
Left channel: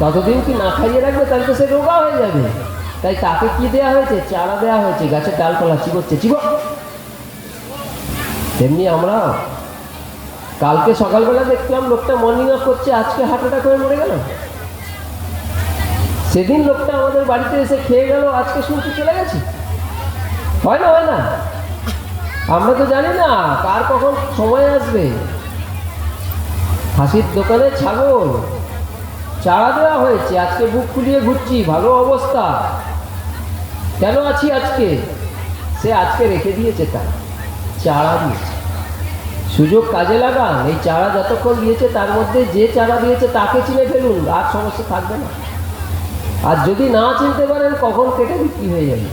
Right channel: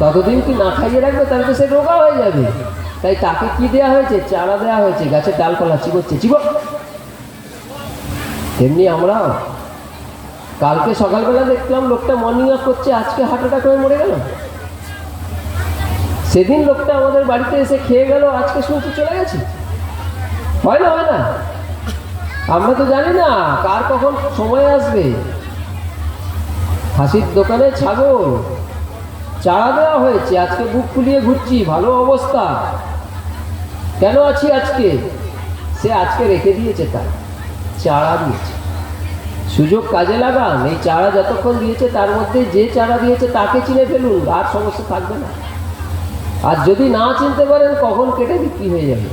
ততদিন কি না খাইয়ে রাখবে? তারপর সে রোগা হয়ে যাবে। তাই তাকে কি দেওয়া হয়েছে? চারা দেওয়া হয়েছে, গাছের ডালপালা চিবোচ্ছে, চিবো। তেমনি আমরা কালকে সকালবেলা দেখলাম লোকটা মর্নিং ওয়াক করছে, আজকে হার্ট অ্যাটাক হয়ে মরে গেল। সেদিন লোকটা আমাদের বাড়িতে এসে খেয়ে গেল, আজকে শুনতে চলে গেছে। হয় না? হয় না? আমরা তো জানি না কার কখন সময় আসবে। খাসির দোকানে ছাগল, চারা দেওয়া হয়েছে, আজকে বুক ফুলিয়ে ঘুরছি, ভালো অবস্থা। কেন আছি আজকে? সে আজকে রেখে দিয়েছে, তার চারা দিয়েছে। সুযোগ কাজে লাগান। এই চারা যতক্ষণ দিয়েছে তার মধ্যে যে চারা দিয়েছে তাকে চিনে ফেলুন, আর সমস্যা থাকবে না। আর যদি না চিনতে পারেন কখন কেটে বিক্রি হয়ে যাবে।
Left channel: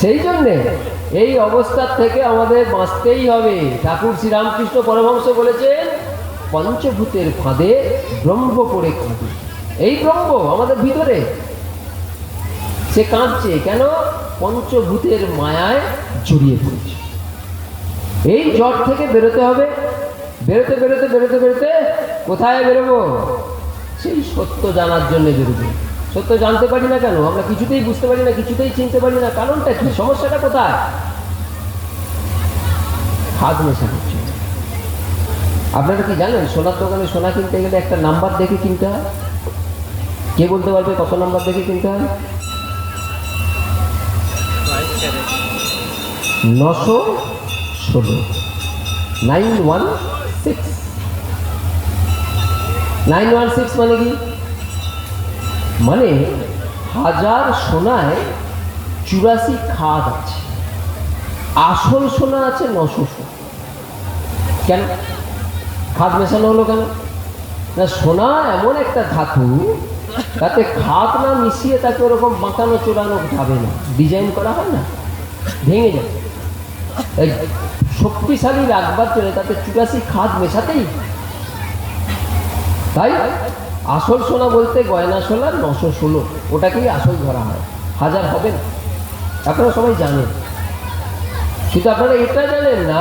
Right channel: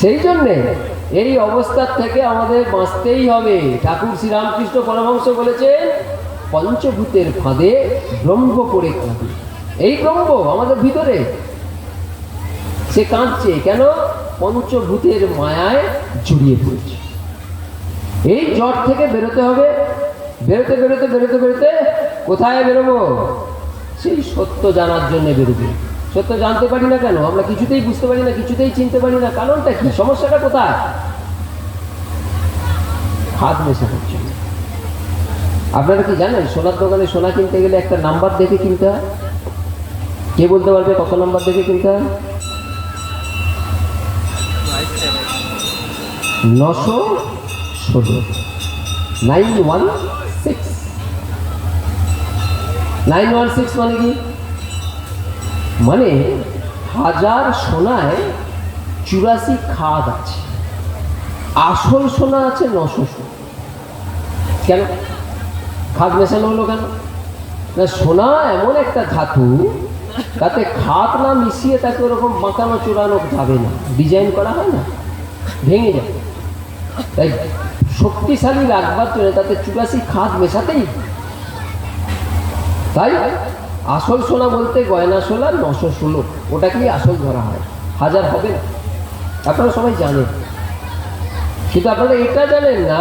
সেই জন্যে এই অবস্থা থেকে আমাদের বাঁচতেই হবে। ঠাকুর শ্রীরামকৃষ্ণ পরমহংস বলেছেন, পঞ্চভূতের ফাঁদে ব্রহ্ম পড়ে কাঁদে। এই ব্রহ্ম আমাদের ভিতরে, সে কাঁদছে কেন? পঞ্চভূতের মায়ায় জড়িয়ে পড়ছে। এই জট থেকে বেরোতে হবে। বেরোতে বেরোতে বেরোতে বেরোতে কোথায় বেরোবো? সেই সত্য জানার জন্য বেরোবো। সত্য জানতে পারি না কেন? আমরা কিছুতেই বুঝতে পারি না, কিছুতেই চিনতে পারি না। কারণটা কি? সমস্যাটা কোথায়? হাত মেশা হচ্ছে। আপনারা কি জানেন, সোনার দোকানে সোনা কিনতে গেলে একটা নাম্বার দেখে কিনতে হয়? কে বলতে পারবে কত নাম্বার দেখে কিনতে হয়? 916 916 916 মানে কি? মানে 1000 সোনায় 84 খাদ আছে, আসল সোনা আছে 900। কেন খাদ মেশানো হলো কেন? না, সোনা এমন একটা ধাতু, তাতে খাদ না মিশিয়ে তাকে ওরকম বাঁকানো চোরানো যাবে না, ডিজাইন করা হয় না, ভেঙে যাবে। তাই শক্তিশালী রাখবার জন্য তাতে 84 খাদ মেশাতেই। তাই আসল সোনা বলতে গয়না সোনা 916, ওটাকেই আসল ধরা হয়, 1000 হবে না। আপনারা সবাই জানেন, কিন্তু আপনারা এটা জানেন না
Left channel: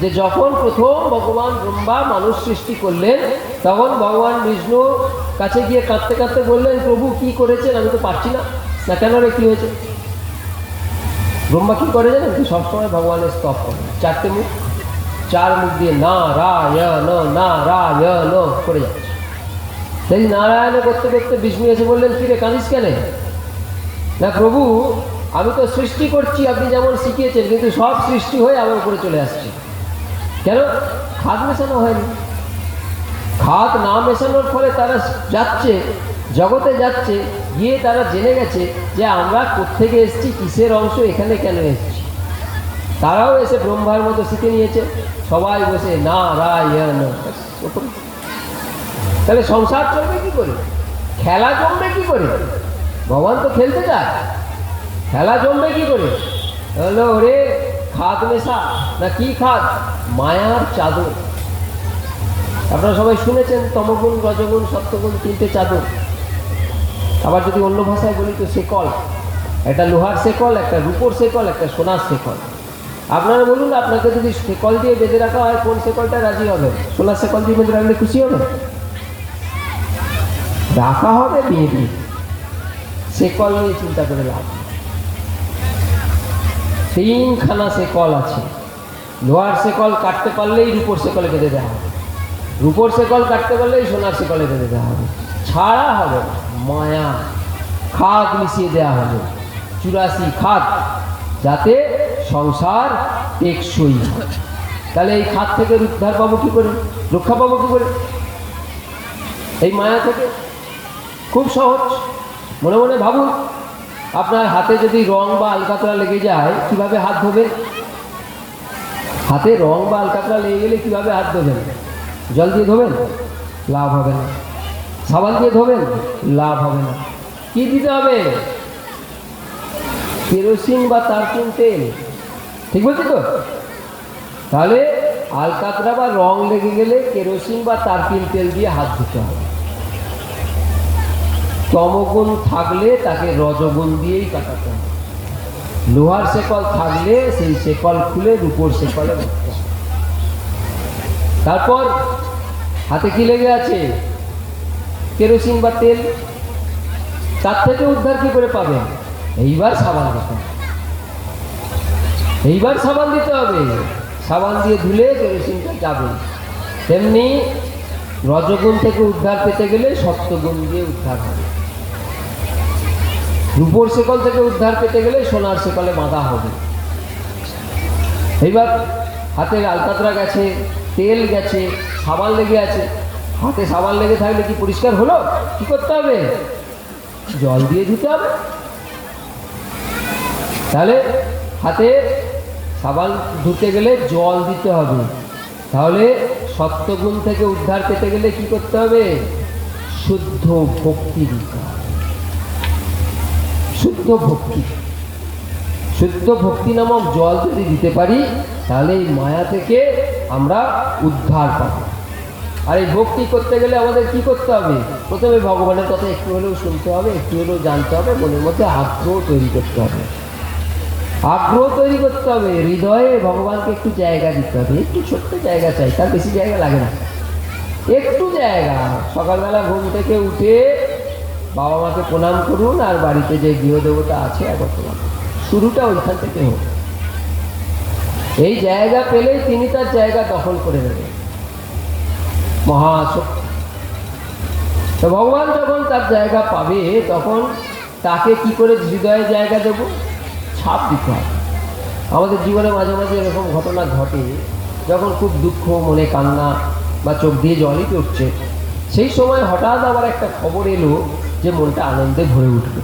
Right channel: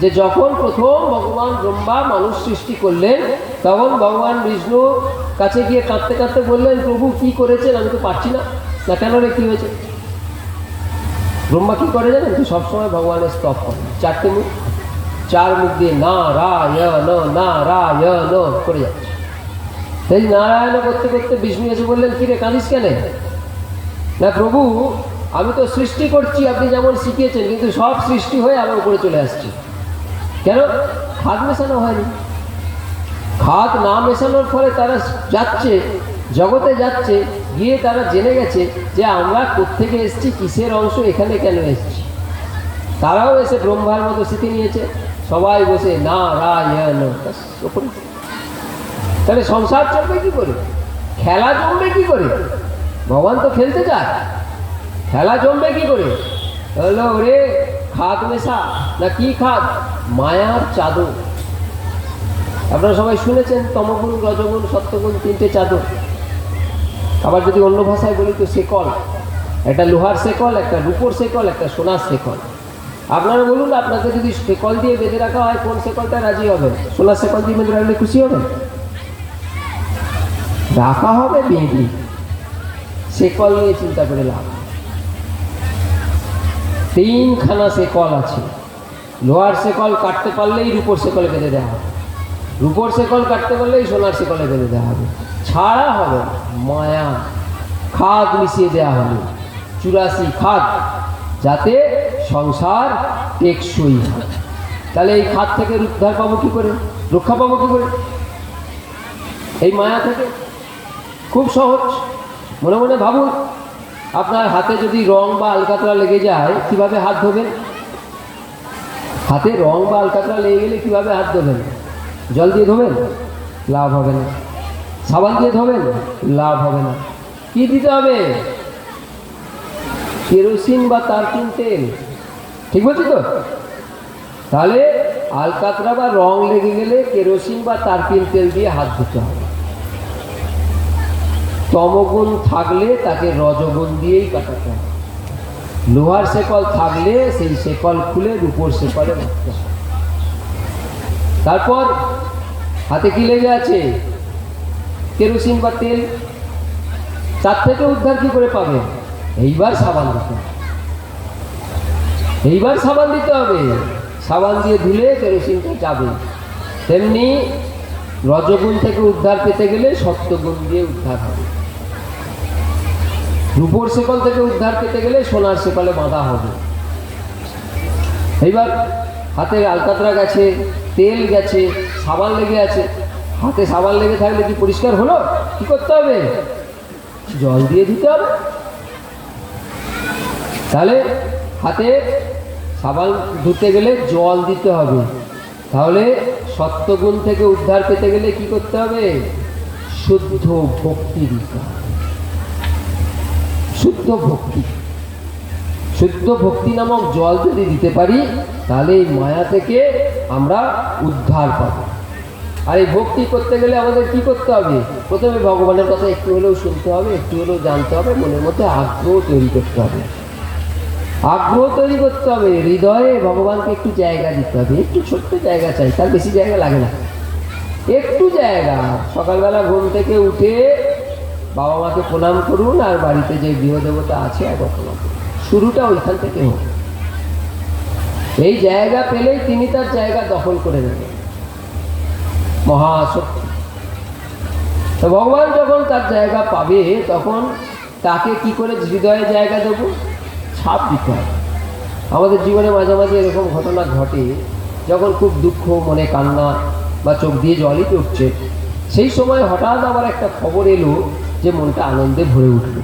যে যখন প্রথম ভগবান ব্রহ্মা মানুষ সৃষ্টি করলেন, তখন ভগবান বিষ্ণু কাছে গিয়ে কাঁদতে কাঁদতে বললেন, প্রভু কি করেছেন? আমি তো পারছি না। কেন রে, কি হয়েছে? ব্রহ্মা কি করে জানেন? সবসময় ভগবানের স্তব করেন, 4টে মুখ, 4 মুখ দিয়ে নারায়ণ নারায়ণ করে যাচ্ছে। সেই নারায়ণ করতে করতে বিষ্ণু এসে বললেন, কি রে কাঁদিস কেন? না প্রভু, আমি তো সৃষ্টি করছি আপনি যেমন শিখিয়েছেন, কিন্তু সব সৃষ্টি হয়ে আমার উপরে চলে আসছে। কেন? খাদ মেশানো হয়নি। খাদ না মেশানোর ফলে তারা যাচ্ছে, জগতে যাচ্ছে, গিয়ে তারা জেনে গেছে যে আমরা কোত্থেকে এসেছি, কিসের অংশ, এখানে কেন এসেছি। তারাও এসে ব্রহ্মার মতো শিখে নিয়েছে, সবাই বসে নারায়ণ। তাহলে সংসার চলবে কি করে? খেলা জমবে কি করে? ভগবান তো খেলতে চায়, খেলা জমবে কি করে? বললো, ওরে খাদ মেশা। না, কি খাদ? মায়ার চাদর। আপনারা সবাই শুনেছেন, তমগুণ রজগুণ সত্যগুণ 3টে চাদর। আবার যদি অন্য ভাষায় বলি তো শেকল, একটা লোহার শেকল, একটা রূপোর শেকল, একটা সোনার শেকল। আপনারা বলুন, আপনাকে যদি শেকল দিয়ে বেঁধে রাখা হয়, কোন শেকলটা রাজি হবে? সোনার শেকল দিয়ে বেঁধে রাখলে খুশি হবে? রাখা হবে বেঁধে, শেকল নিয়ে চিন্তা করে লাভ। 3খানা শেকল আছে। লোহার শেকল কাটতে পারলেই রূপোর শেকলে বেঁধে দেওয়া হবে, রূপোর শেকল কাটতে পারলেই সোনার শেকলে বেঁধে দেওয়া হবে। ছাড়া হবে মায়া, খাদ মিশিয়ে দেওয়া হবে, 84 খাদ, যাতে সংসার টেকসই হয়। তাহলে এই খাদ থেকে উদ্ধার পাবো কি করে? রক্ষা পাবো কি করে? এই মায়া থেকে খুব সহজ। মনে মনে ভাবুন, আপনার হাতে যদি রং বা আলকাতরা লেগে যায়, কিভাবে হাত ধোবেন? হাতে রং বা আলকাতরা লেগে গেলে কিভাবে হাত ধোবেন? জল দিয়ে ধোবেন? লাভ হবে না। সাবান দিয়ে ধোবেন? লাভ হবে না। কি দিতে হবে? কেরোসিন বা তারপিন তেল। ঠিক বলছি তো? তাহলে আলকাতরা বা রং লেগে গেলে কেরোসিন বা তারপিন তেল দিয়ে হাত ধুতে হবে। তমগুণ থাকলে তাকে রজগুণ দিয়েই কাটাতে হবে। লোহার শেকল থাকলে সেই শেকল খুলে রূপোর শেকলে রাখতে হবে। তারপর হাতে কি লেগে আছে? কেরোসিন বা তেল। তার থেকে উদ্ধার কি করে পাবেন? এইবার সাবান দিতে, এইবার সাবান দিতে হবে। সাবান দিয়ে ধুলে কেরোসিনটা যাবে। তেমনি রজগুণ থেকে উদ্ধার পেতে গেলে সপ্তগুণ দিয়ে উদ্ধার হবে। রূপোর শেকল থেকে উদ্ধার পেতে গেলে সোনার শেকলে বাঁধা হবে। এইবার হাতে আলকাতরা গেছে, তেল গেছে, সাবান লেগে আছে। হাতে সাবান লেগে থাকলে কি পরিষ্কার হলো? কি করতে হবে? জল দিয়ে ধুতে হবে। তাহলে হাতে সাবান ধুতে গেলে জল দিতে হবে। তাহলে সত্যগুণ থেকে উদ্ধার পেতে গেলে কি করতে হবে? শুদ্ধ ভক্তি দিতে হবে। শুদ্ধ ভক্তি, শুদ্ধ ভক্তি নামক জল যদি দিতে পারি তাহলে এই মায়া থেকে আমরা উদ্ধার পাবো। আর এই ভক্তি করতে গেলে আমাদের কি করতে হবে? প্রথমে ভগবানের কথা একটু হলেও শুনতে হবে, একটু হলেও জানতে হবে, মনের মধ্যে আগ্রহ তৈরি করতে হবে। আগ্রহ তৈরি করতে হবে, হৃদয়ে ভগবানকে একটু জায়গা দিতে হবে। একটু ছোট্ট জায়গা চাই, তার বেশি জায়গা লাগে না, একটু জায়গা। সকালবেলা ঘুম থেকে উঠে বাবা মাকে প্রণাম করুন, আর বাড়িতে যে গৃহদেবতা আছে একবার প্রণাম করুন। শুরুটা ওইখান থেকে হোক। এই জায়গা পেলেই তিনি তার জায়গা দখল করে নেবেন। মহাশক্তি। তো ভগবান যখন তার জায়গা পাবে তখন তাকে কি করে হৃদয়ে জায়গা দেব? ছাপ দিতে হবে। আমাদের জীবনে মাঝে মাঝে এরকম ঘটনা ঘটে, যখন খুব দুঃখ, মনে কান্না বা চোখ দিয়ে জলই পড়ছে, সেই সময় হঠাৎ আবার একটা খবর এলো যে মনটা আনন্দে ভরে উঠবে,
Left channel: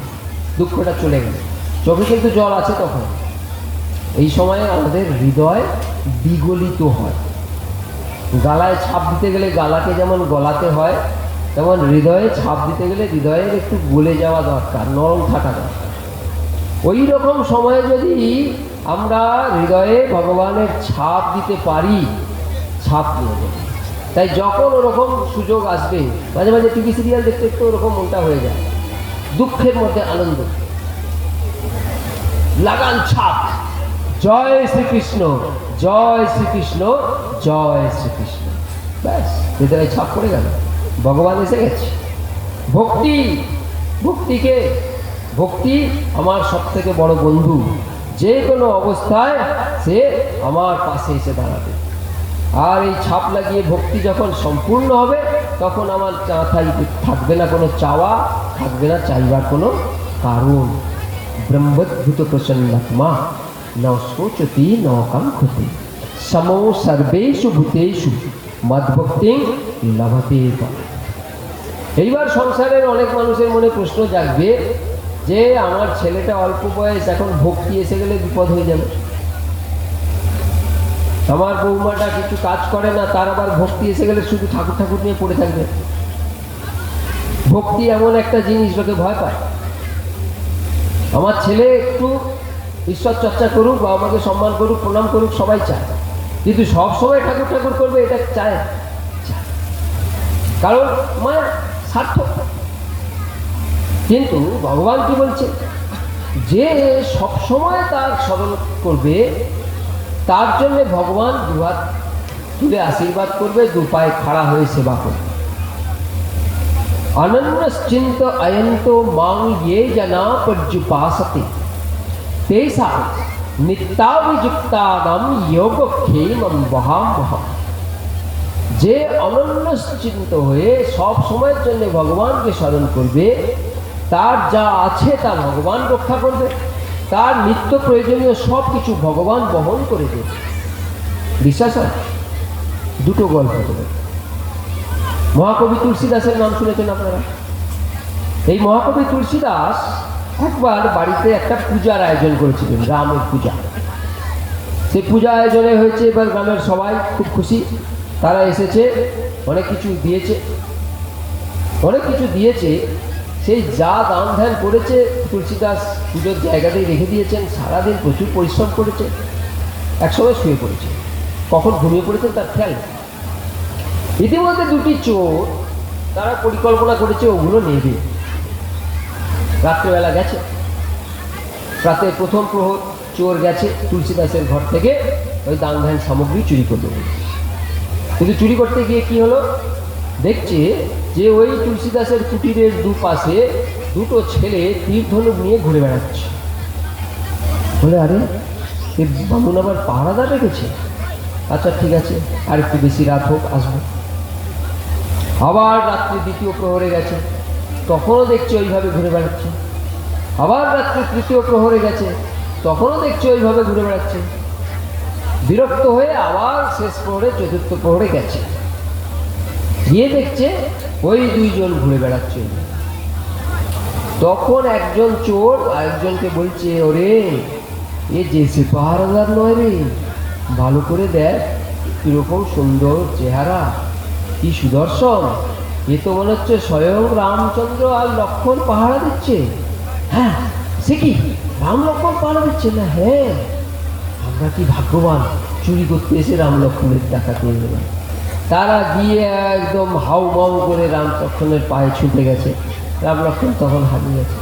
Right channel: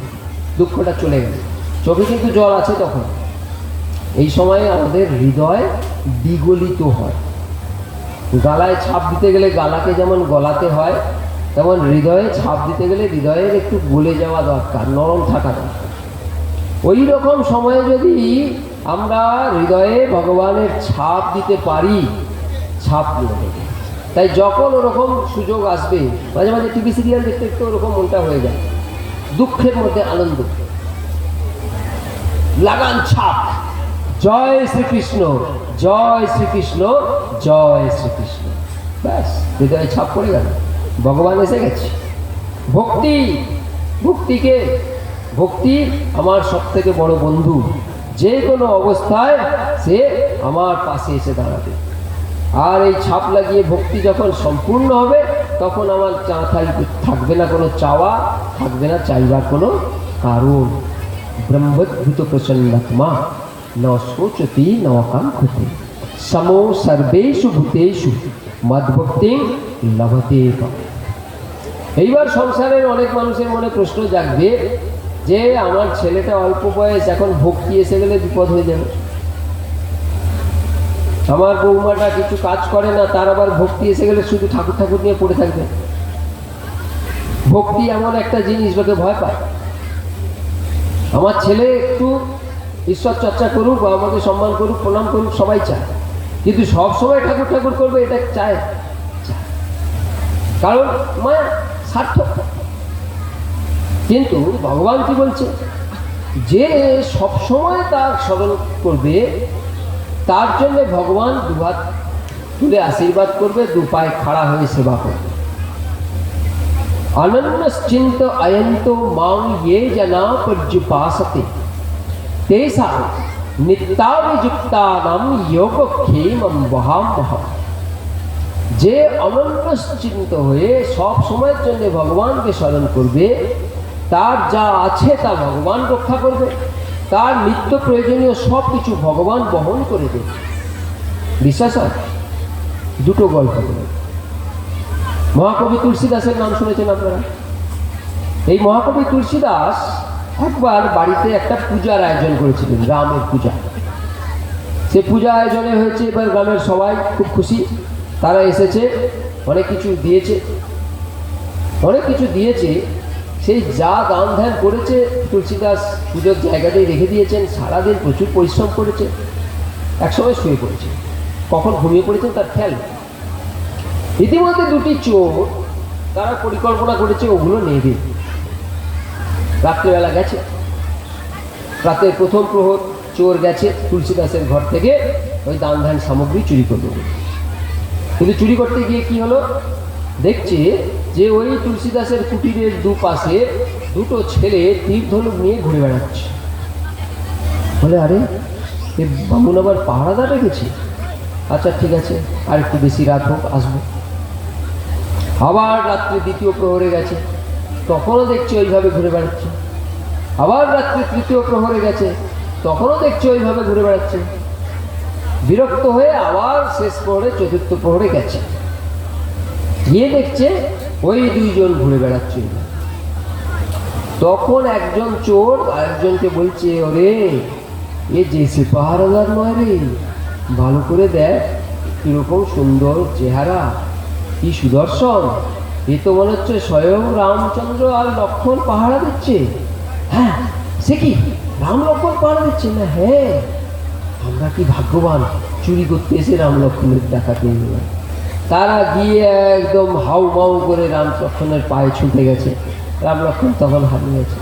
দুঃখটা চলে গেল, চোখে কিন্তু জল আছে। তখন এই সময় আমাদের হৃদয় বিগলিত হয়। গালায় ছাপ দিতে গেলে গালাকে যেমন গলাতে হয়, তেমন হৃদয়ে ছাপ দিতে গেলে হৃদয়ের একটু গলে যাওয়া দরকার, নরম থাকা দরকার। ওই রকম সময়ে যদি আমরা হৃদয়ে ভগবানের ছাপ দিতে পারি, ছাপ দিয়ে দেব। তাই যখন ওরকম সুযোগ আসবে, মাঝে মাঝে টিভি সিরিয়াল দেখতে দেখতে ওরকম মনটা হয়ে যায়, দুঃখের মধ্যে আনন্দ, লাগান ছাপ, জয় শ্রীকৃষ্ণ, জয় শ্রীকৃষ্ণ, জয় শ্রীকৃষ্ণ, ব্যাস হৃদয়ে ছাপ পড়ে গেল, ভগবান এসে গেছে। ভক্তি, ভক্তিকে, ভক্তি আমার সব থেকে বড় বন্ধু। যে কোনো অবস্থায় সে আমার পাশে এসে দাঁড়াবে। আর এই ছাপ লাগিয়ে ভক্তি যখন সম্পূর্ণ হবে তখন আমার থাকবে না কোনো চাওয়া, থাকবে না চাইবার কোনো কারণ। ব্রহ্মদ্ভূত প্রসন্নাত্মা ন শোচতি ন কাঙ্ক্ষতে সমো সর্বেষু ভূতেষু মদ্ভক্তি লভতে। এইবার সংসারের অনেক মানুষের মনে প্রশ্ন জাগবে যে আমার ছেলেটা অল্প বয়স, এখন ভক্তি এসে গেলে বিপদ হয়ে যাবে। আমার বৌমাটা কিছু কাজ করে না, তার আবার ভক্তি এসে গেলে শুধু ঠাকুর ঠাকুর নিয়ে পড়ে থাকবে। ভক্তি এমন একটা জিনিস, লোকে ভয় পায়। আমার ছেলে একটু ঈশ্বর চর্চা করুক, বা আমাকে সম্মান করুক, প্রণাম করুক, সবাই চায়, কিন্তু সব সময় ঠাকুর ঠাকুর করবে এটা চায়, কারণ মায়া সার্থক। কিন্তু ভগবান কি বলছে? যে সব সময় তার স্মরণ করবে তার জন্য ভগবান দুহাত তুলে আশীর্বাদ করবে, দু পায়ে খাড়া হয়ে সেবা করবে। অনন্যশ্চিন্ত অয়ন্ত মাং ইয়ে জনা পর্যুপাসতে তেষাং নিত্যাভিযুক্তানাম যোগক্ষেমং বহাম্যহম। যে অনন্যশ্চিন্ত হয়ে সব সময়ের জন্য ভগবানকে স্মরণ করবে, তার যা আছে তা ভগবান রক্ষা করবে, তার নিত্য প্রয়োজনীয় সব কিছু ভগবান বহন করে দেবে। বিশ্বাস হয়? দুটো গল্প বলে। মহাকবি তুলসীদাসের নাম শুনেছেন আপনারা? এই মহাকবি তুলসীদাস একবার বাড়িতে একটা পূজার আয়োজন করেছিলেন, গ্রামের পূজা। সে পূজা আয়োজনে হয়েছে, এবার গ্রামের সবাই খুব খুশি, তারা এসেছে, অনেক কিছু দিয়েছে, অনেক কিছু দিয়েছে। সেই যা দান ধ্যান করেছে তুলসীদাস পুজোর জায়গাতেই রেখে দিয়েছেন। সারাদিন প্রচুর পরিশ্রম করেছে, একসময় শুয়ে পড়েছে, কখন ঘুমিয়ে পড়েছেন তার খেয়াল নেই। ইতিমধ্যে দুটি চোর, তারা পরিকল্পনা করেছে ওগুলো নেবে। রাত্রেবেলা গেছে, রাতে প্রথম প্রহর চোর গেছে তুলসীদাসের ঘর থেকে ওই দান ধ্যান সামগ্রী চুরি করবে। কিন্তু চুরি করতে গিয়ে কি হলো, দেখছে যে ওই তুলসীদাসের কুটিরের দুপাশে দুটো ছেলে তীর ধনুক নিয়ে ঘুরে বেড়াচ্ছে। বলে, আরে এ বামুন আবার পাহারাদার রেখেছে, আচ্ছা ঠিক আছে, আর একটু বেশি রাত হোক, আসবো। আবার রাত্রে দ্বিতীয় প্রহরে গেছে, তখনও দেখছে ওইভাবে ঘুরে বেড়াচ্ছে। আবার রাত্রে তৃতীয় প্রহরে গেছে, তখনও দেখছে ওইভাবে ঘুরে বেড়াচ্ছে। বিরক্ত হয়ে আবার শেষ প্রহরে চতুর্থ প্রহরে গেছে, গিয়ে দেখছে ওই দুইজন ঘুরে বেড়াচ্ছে। তখন একজন চোর আরেকজনকে বলছে, ওরে এ জেসে পাহারাদার নয় রে, ভালো করে দেখ কিরকম সুন্দর চেহারা, কি সুদর্শন, এ তো মনে হচ্ছে স্বয়ং রামচন্দ্র আর লক্ষ্মণ পাহারা দিচ্ছে। হ্যাঁ, সে কি রাম লক্ষ্মণ পাহারা দিচ্ছে না? হ্যাঁ, আমরা কি ভাগ্যবান, চুরি করতে এসে রাম লক্ষ্মণের টাকা পেয়ে গেলাম। তারা গিয়ে একদম হাউ মাউ করে রাম লক্ষ্মণের পায়ে ছুটে গেছে। রাম লক্ষ্মণ তখন হারিয়ে গেছে।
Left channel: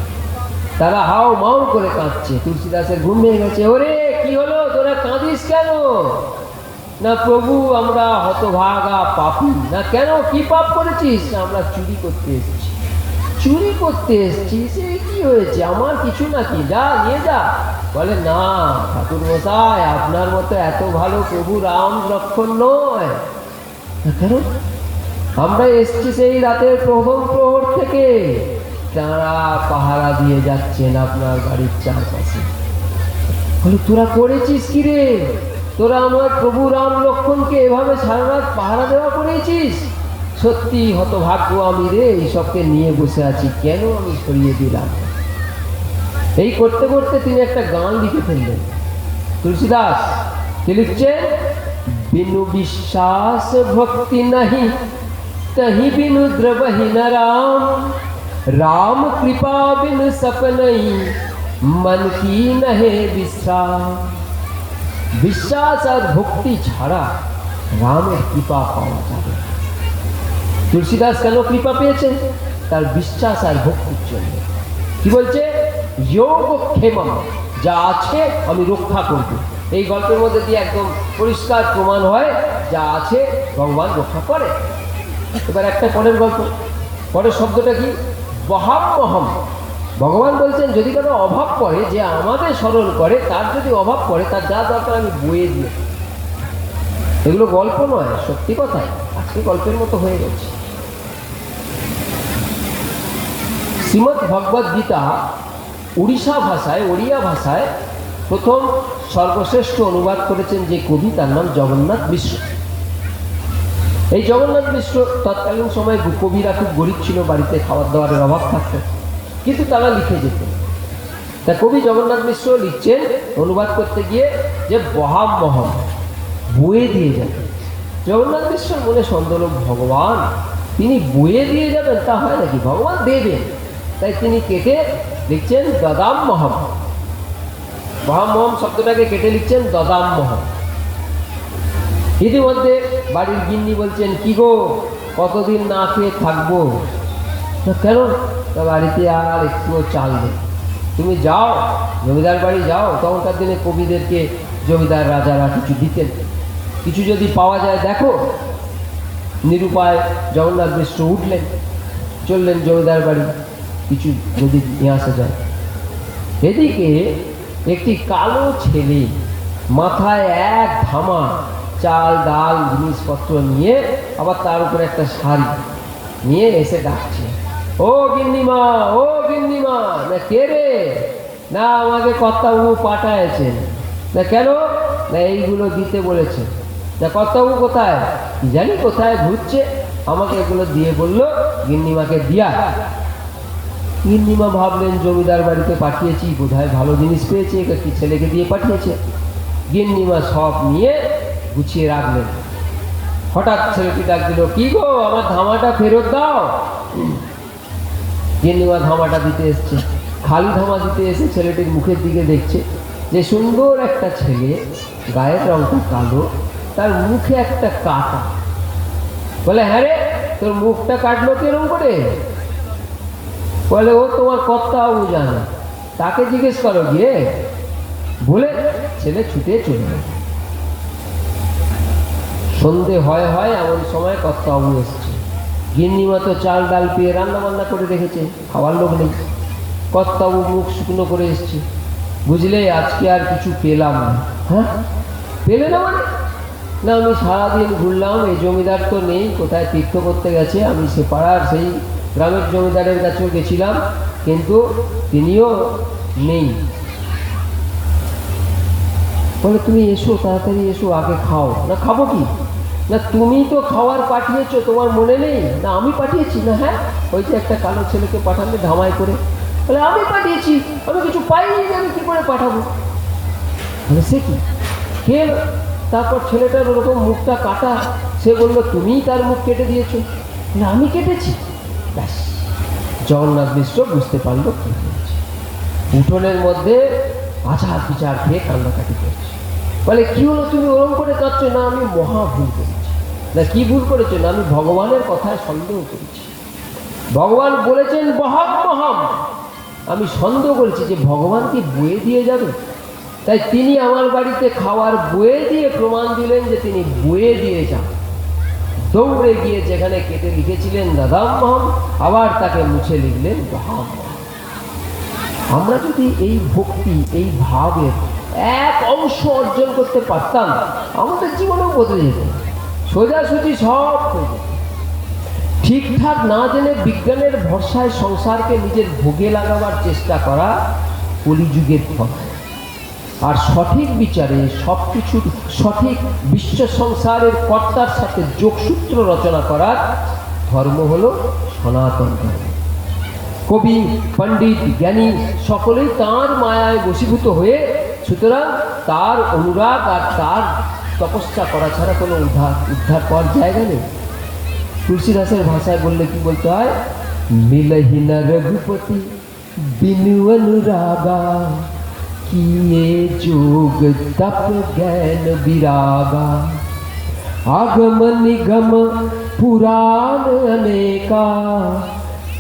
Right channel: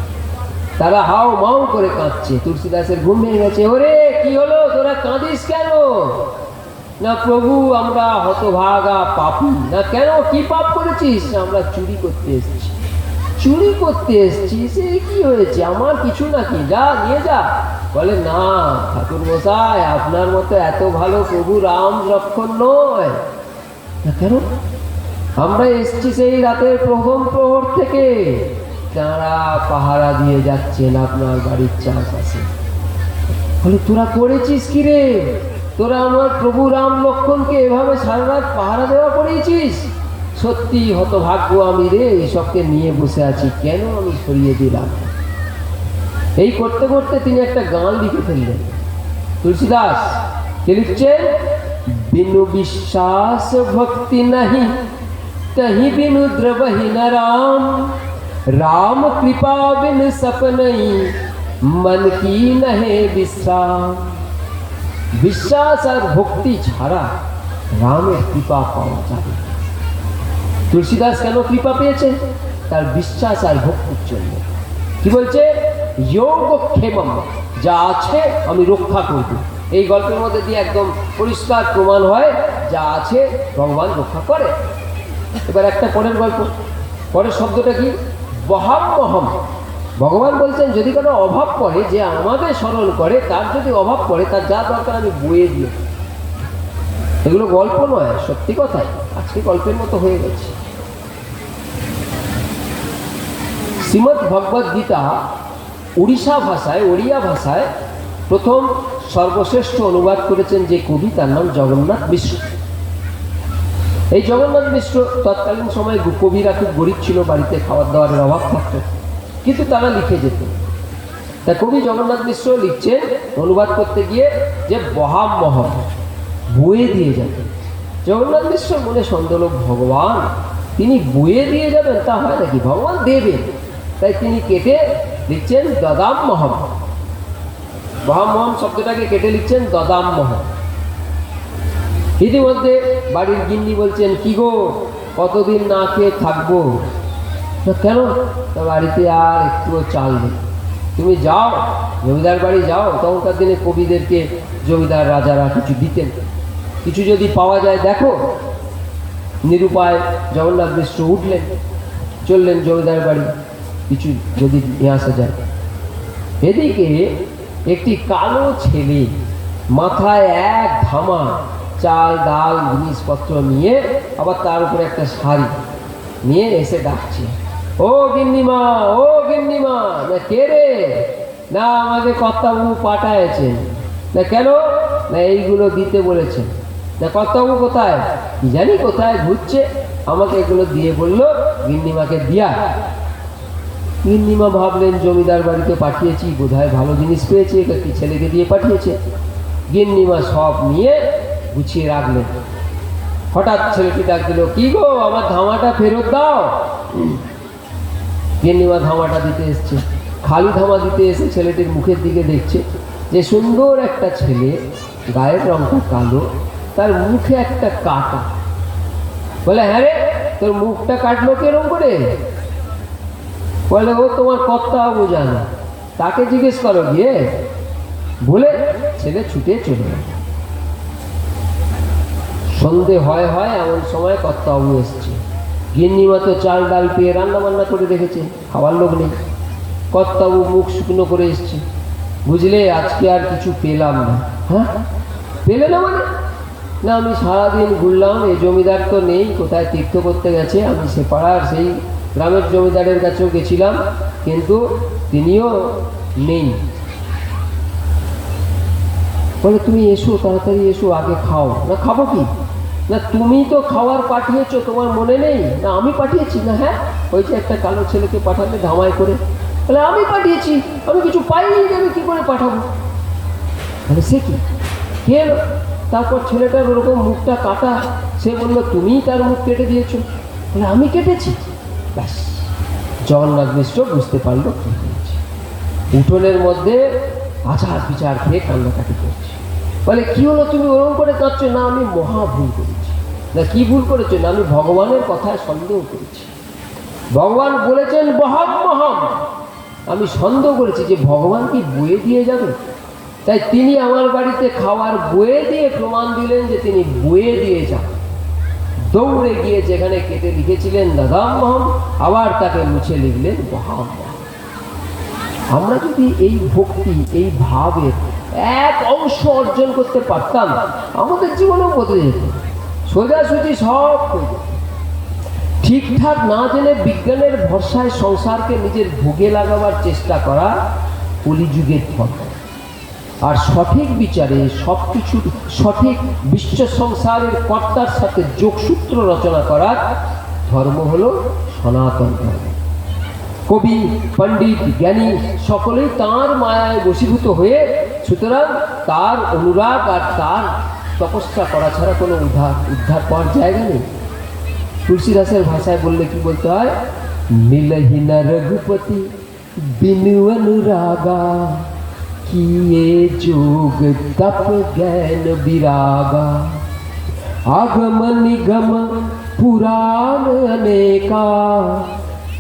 তারা হাউ মাউ করে কাঁদছে। তুলসীদাসের ঘুম ভেঙে গেছে। ওরে কি হলো, তোরা কাঁদিস কেন? না প্রভু, আমরা হতভাগা পাপী। না কেন, কি পাপ করেছিস? আমরা চুরি করতে এসেছি। চুরি করতে এসেছি, সে কি হয়েছে, আমার কিছু নাকি, যা নিয়ে যা। বলে না ঠাকুর মশাই, আপনার মতো এত ভালো প্রভু রাম লক্ষ্মণ নয়। না কেন? আমরা এসেছি সেই রাতের প্রথম প্রহর থেকে, তারা পাহারা দিয়ে যাচ্ছেন আপনার বাড়ির চারপাশে। বলে তোরা করেছিস কি রে? তোরা আমার প্রভু রাম লক্ষ্মণকে এভাবে সারা রাত পাহারা দেওয়া করেছিস? সত্যি হতভাগ্য আমি রে, এইসবকে নিয়ে বসে আছি, কেন আমি সরিয়ে দিলাম। এই করতে করতে তিনি একটা গান লিখে ফেললেন। তুলসীদাস কি লিখছেন? बिनु विश्वास भक्ति नहीं, तही बिनु द्रवहि न राम। राम कृपा बिन सपनई, मन की नहे विश्राम। বিশ্বাস আর ভক্তি ছাড়া রামের কৃপা পাওয়া যাবে। তুলসীদাস কেন কৃপা পেয়েছেন? তার বিশ্বাস আর ভক্তির জন্য। কি বলছে? যোগ ক্ষেমম, যা আছে আমি রক্ষা করব। এই গল্পের মধ্যে দিয়ে একদম পরিষ্কার প্রমাণ হয়, যা আছে ভগবান রক্ষা করে। এবার একটা পরের গল্প, পরের শব্দটা কি? বহাম্মহম। ভগবান বলছেন যদি কারো অভাব পড়ে, যে আমাদের স্মরণ করে, তার যদি অভাব পড়ে, তার যা দরকার আমি বয়ে দিই। এগুলো গল্প নয়, সত্যি কথা, আজকে গল্পের মতো হয়ে গেছে। শ্রীমদ্ ভগবদ গীতা উড়িষ্যা ভাষায়, ওড়িয়া ভাষায় প্রথম সর্বশ্রেষ্ঠ অনুবাদ করেছেন যে কবি, তার নাম জগন্নাথ মিশ্র। এই জগন্নাথ মিশ্র তৎকালীন সময় কবিরা খুব গরিব ছিল, বাড়িতে খাবার দাবারের অভাব থাকত, কিন্তু তারা লিখে যেত। তা কবি জগন্নাথ মিশ্র লিখছেন অনুবাদ করতে গিয়ে যে বহাম্মহম, বয়ে দিয়ে যাবেন। জগন্নাথ মিশ্র মনে সন্দেহ, ভগবান তিনি বয়ে দিয়ে যাবেন, তা হয় নাকি? ভগবান দেবেন। তাই তিনি কেটে লিখছেন দদাম্মহম। মহামহম শব্দটাকে কেটে লিখছেন দদাম্মহম। ইতিমধ্যে বাড়ির গিন্নি বলছেন, কি গো কতদিন না খেয়ে থাকবো? কেন? তা বাড়িতে আর একটুও চাল নেই, তুমি যাও জমিদার বাড়ি যাও। তখনকার দিনে কবিদেরকে জমিদার রাজারা কিছু দিতেন, কিছু যদি পাওয়া যায় দেখো। নিরুপায় জগন্নাথ মিশ্র উঠলেন, চললেন জমিদার বাড়ি, কিছু যদি নিয়ে আসা যায়। এদিকে একটি কালো ছেলে মাথায় এক ধামা চাল ডাল জিনিসপত্র নিয়ে, আবার তার উপরে একটা শাড়ি নিয়ে এসে ডাকছে, ও গিন্নিমা, ও গিন্নিমা। না কে রে? না আমাকে কর্তাবাবু পাঠায়ছেন। না কেন? না এইগুলো দিতে বলেছেন। না কর্তাবাবু কোথায়? কি জানি কোথায় ঘুরছে, আমাকে এগুলো দিয়ে বললো গিন্নিমাকে দিয়া। গিন্নিমা ভাবলেন জমিদার বাড়িতে পাঠিয়েছি, বোধহয় ভালো জিনিস পেয়েছে, একটি ছেলেকে দিয়ে পাঠিয়েছে। গিন্নিমা সব নিয়ে গুছিয়ে রাখলেন। হঠাৎ ছেলেটি ডাক দিল, কি গো আমার ধামাটা ফেরত দাও। গিন্নিমা ধামাটা দিতে এসছে, খালি ধামা দিতে এসে ছেলেটির মুখের দিকে দেখছে যে সুন্দর একটা ছেলে, গায়ের রংটা কালো, তার মুখে একটা কাটা। বলে, হ্যাঁ রে, তোর মুখটা কাটলো কেরম করে? বলে, ও তোমার কর্তাবাবু জানা, তাকে জিজ্ঞেস করো গিয়ে। বলে ছেলে ছুটে চলে গেল। সন্ধে হয় এমন সময় কর্তাবাবু এসছে। গিন্নিমা তো চাল ডাল পেয়ে রান্না বান্না করে রেখেছে, খাওয়ার লোক নেই। কর্তাবাবু মুখ শুকনো করে এসছে, বুঝলে আজকে আর কিছু পেলাম না। হ্যাঁ, পেলে না মানে? না আমি সারাদিন ঘুরলাম, এই জমিদার তো নেই, কোথায় তীর্থ করতে গেছে। আমি সে পাড়ার সেই গ্রামের জমিদারের কাছেও গেছিলাম, কিন্তু তিনিও নেই। বলে, তুমি এসো, তাড়াতাড়ি এসো, আগে খাও। না খাবো কি? না তুমি তো খাওয়ার পাঠিয়েছো, তোমার মনে নেই? না আমি পাঠিয়েছি। না হ্যাঁ, ওই যে একটা কালো ছেলেকে পাঠালে ধামাই করে। বলে, আমি পাঠিয়েছি, আমি কিছু পাইনি, আমি কি করে পাঠাবো? বলে সে কি, কে এলো? তারপর ছেলেটার ওরকম মুখটা কাটা, সে বললো তুমিই তার মুখ কেটে দিয়েছো। বলে আমি কেটেছি? ব্যাস, জগন্নাথ মিশ্র বুঝতে পারলো কি হয়েছে। উঠোনের মধ্যে আচার বিচার খেয়ে কান্নাকাটি করছে। বলে কি হলো, তুমি ওরকম করে কাঁদছো? না আমি মহা ভুল করেছি। না কি ভুল করেছো? না আমি ভগবানের কথায় সন্দেহ করেছি। ভগবান বলেছেন বহাব মহাম, আমি সন্দেহ করেছি যে ভগবান কি বয়ে দিয়ে যাবে। তাই তিনি আমার বাড়িতে খাওয়ার বয়ে দিয়ে প্রমাণ দিলেন যে তিনি বয়ে দিয়ে যান। দৌড়ে গিয়ে যেখানে কেটে লিখেছিলেন দাদাম মহাম, আবার তাকে মুছে লিখলেন বহাব। আমরা যদি এই ভক্তি, এই ভাবের এক অংশ অর্জন করতে পারতাম, আমাদের জীবনও বদলে যেত, সোজাসুজি সব হয়ে যেত। ঠিকঠাক না জেনে বিজ্ঞানের ভরসায় সংসারকে নিজের ভোগে লাগাবার চেষ্টা করা কলিযুগের ফল। আর সঠিক বিচারে সবকিছুর সঠিক বিশ্ব সংসারের কর্তার সাথে যোগসূত্র রচনা করার ধর্ম হলো সনাতন ধর্ম। কবি, পণ্ডিত, জ্ঞানী সকলেই তাঁর মায়ায় বশীভূত হয়ে, সুতরাং তার অনুরাগ আর তার তপস্যা করা ছাড়া কোনো উদ্ধার পাওয়ার জায়গা নেই। তুলসীদাসের ভাষায় বললে কি বলতে হয়? মিলহি না রঘুপতি বিনু অনুরাগা, কিয়ে যোগ তপ জ্ঞান বিरागा, आगम निगम पुराण अनेका,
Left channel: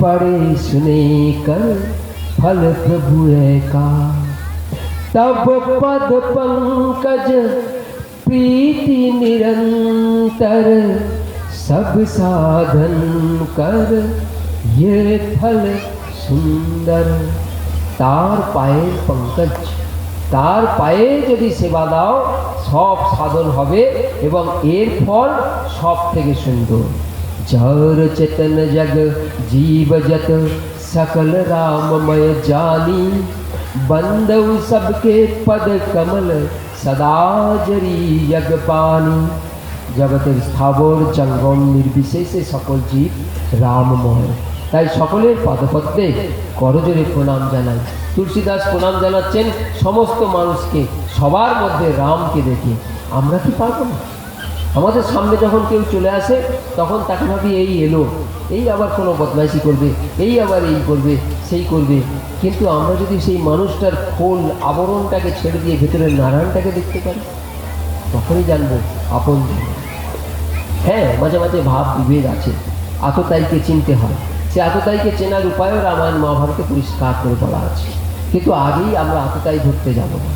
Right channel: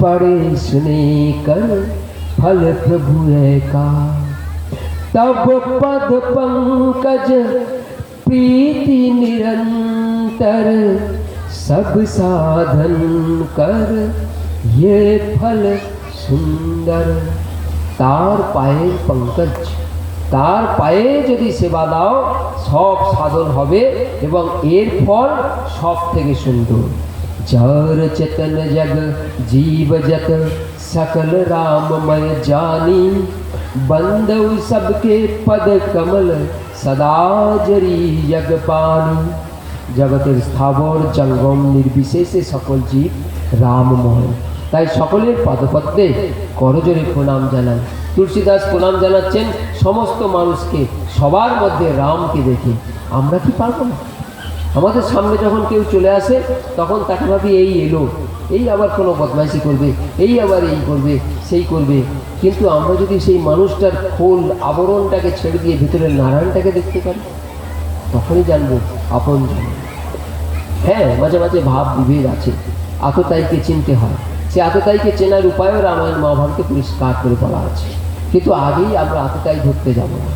पढ़े सुने कर फल प्रभु का, तब पद पंकज प्रीति निरंतर, सब साधन कर ये फल सुंदर। तार पाए पंकज, তার পায়ে যদি সেবা দাও সব সাধন হবে এবং এর ফল সব থেকে সুন্দর। जर चेतन जग जीव जत सकल राममय जानी, बंदव सबके पद कमल सदा जरी जग पानी। जगतेर स्थावर जंगम निर्विशेषे सकल जीव राममय, তাই সকলের পদপদ্মে করজোড়ে প্রণাম জানাই। তুলসীদাস প্রণাম জানাচ্ছেন সমস্ত মানুষকে, সবার মধ্যে রামকে দেখে। আমরা কি পারবো না? আমাদের সামনে যখন কেউ চলে আসে তখন তাকে ভাবি এই এলো, এই আবার কোনো বদমাইশি করবে, এই আবার এই করবে, সেই করবে। কিন্তু আমরা যদি সেই মানুষটার ফুল আবরণটাকে ছেড়ে দিয়ে ভেতরে নারায়ণটাকে দেখতে পারি, তখনই জানবো আপন। হ্যাঁ, মাঝে মাঝে ভাব বিভেদ আছে, আততায়ীকে চিনতে হয়, সে আততায়ীকে চেনার উপায়ও রামায়ণ মহাভারতে পরিষ্কার করে বলা আছে। কিন্তু আগেই আমরা আততায়ী ধরতে যাব না।